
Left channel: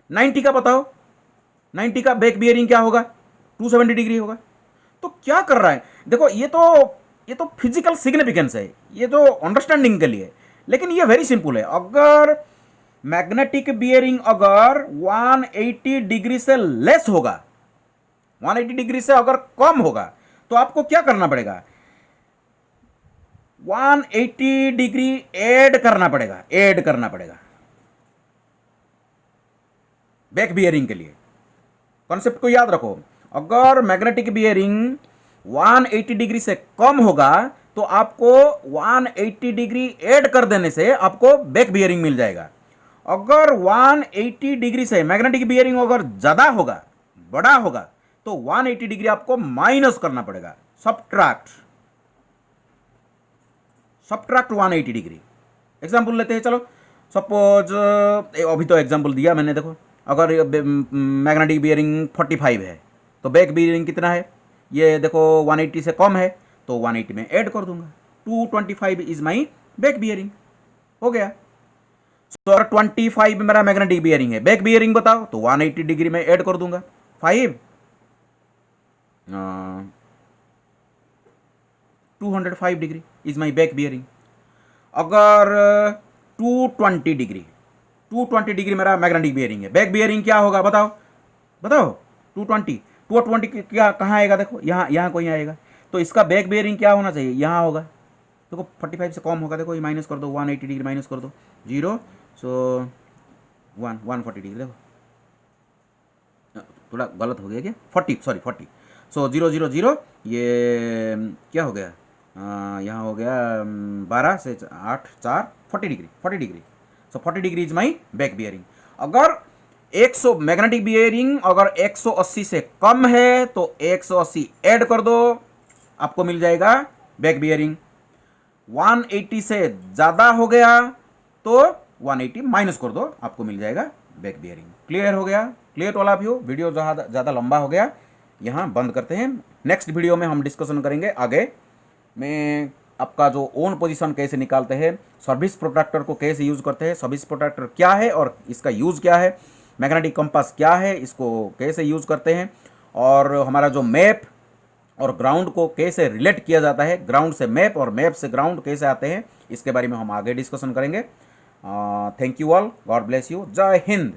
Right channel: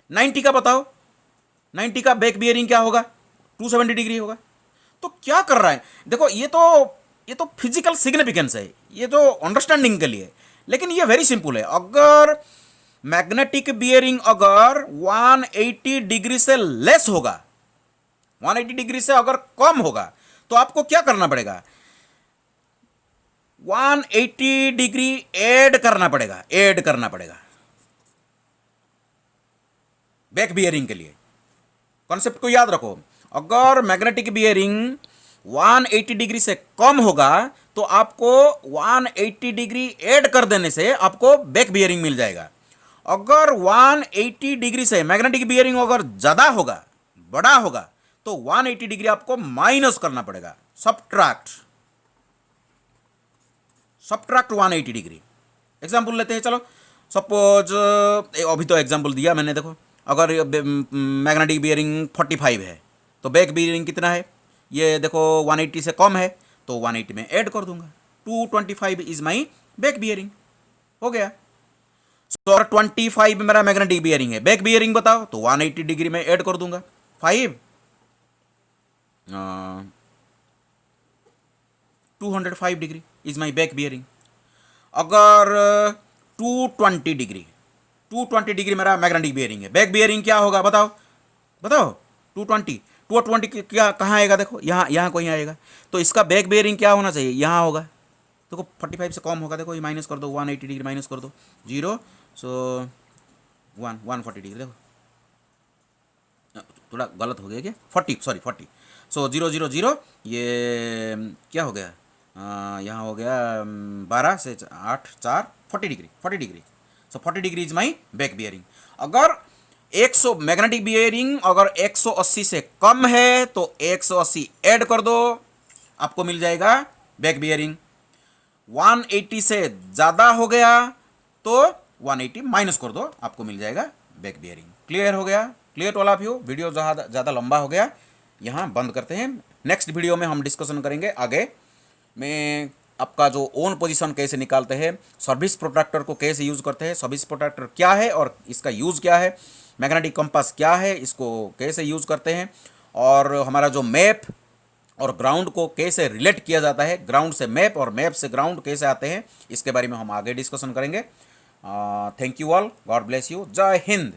90 का बताओ, 90 का बैक बियरिंग क्या होगा, 270 डिग्री होगा। तो क्या कर रहा है, देखो ये तो फिजिकल सिग्निफिकेंस है, ये तो अंडरस्टैंडिंग के लिए। लेकिन ये वेरी सिंपल है। अगर मैग्नेटिक बियरिंग अगर 180 डिग्री से लेस होगा, 180 डिग्री से अगर कम होगा, तो आपको क्या करना पड़ेगा, 180 डिग्री ऐड करना पड़ेगा बैक बियरिंग के लिए। कॉन्सेप्ट को याद रखो। अगर मैग्नेटिक बियरिंग 180 डिग्री से कम होगा तो आपको 180 डिग्री ऐड कर देने से आपको बैक बियरिंग मिल जाएगा। अगर 180 डिग्री से मैग्नेटिक बियरिंग अगर ज़्यादा होगा, बड़ा होगा, तो 180 डिग्री आपको माइनस करना पड़ेगा, सब्ट्रैक्ट 180 डिग्री। एग्जाम्पल लेते हैं, चलो सपोज अभी तो एग्जाम्पल दिया मैंने, देखो अगर मैग्नेटिक बियरिंग 45 है तो बैक बियरिंग कितना है, ये देखो 180 से कम है तो 180 में ऐड कर दूंगा, 225 इज माई बैक बियरिंग, हो गया। तो अगर 25 मेरा मैग्नेटिक बियरिंग है, बैक बियरिंग बताओ, तो 180 डिग्री में ऐड कर दूंगा 5, 205 degree is my back bearing. अगर 220 डिग्री मेरा मैग्नेटिक बियरिंग है, बैक बियरिंग क्या होगा बताओ बताओ, 220 क्या कहाँ आएगा, देखो यहाँ यहाँ कोई आएगा, तो इसका बैक बियरिंग क्या होना चाहिए, यहाँ होगा। देखो 45 से कम होगा, देखो ये माइनस कर दो, 180 डिग्री माइनस कर दो, 0, सो 140 डिग्री, देखो थोड़ा गलत हो गया क्या, 40, सो 0, ये क्या हो गया, यहाँ हो गया 12 से 8, 4, 40 degree, so 40 degree is my back bearing. अगर 100 मैग्नेटिक बियरिंग अगर 180 से कम है तो 180 ऐड कर दो, आपको मिल जाएगा बैक बियरिंग। 180 से ज़्यादा हो गया तो 180 माइनस कर दो, आपको मिल जाएगा बैक बियरिंग। क्लियर हो गया, clear to all of you. Video ज़्यादा लंबा हो गया, यहाँ बंद करते हैं। नेक्स्ट वीडियो में हम डिस्कशन करेंगे आगे में आपका जो ओन पोजीशन कैसे निकालते हैं, सर्विस प्रोट्रैक्टर को कैसे यूज़ करते हैं, सर्विस प्रोट्रैक्टर क्या है और इसका यूज़ क्या है, मैग्नेटिक कंपास क्या है, इसको कैसे यूज़ करते हैं, और हमारा जो मैप और ग्राउंड को कैसे रिलेट किया जाता है, ग्राउंड से मैप और मैप से ग्राउंड कैसे आते हैं, इसके बारे में हम आगे डिस्कशन करेंगे। Thank you all, God bless you, जय हिंद।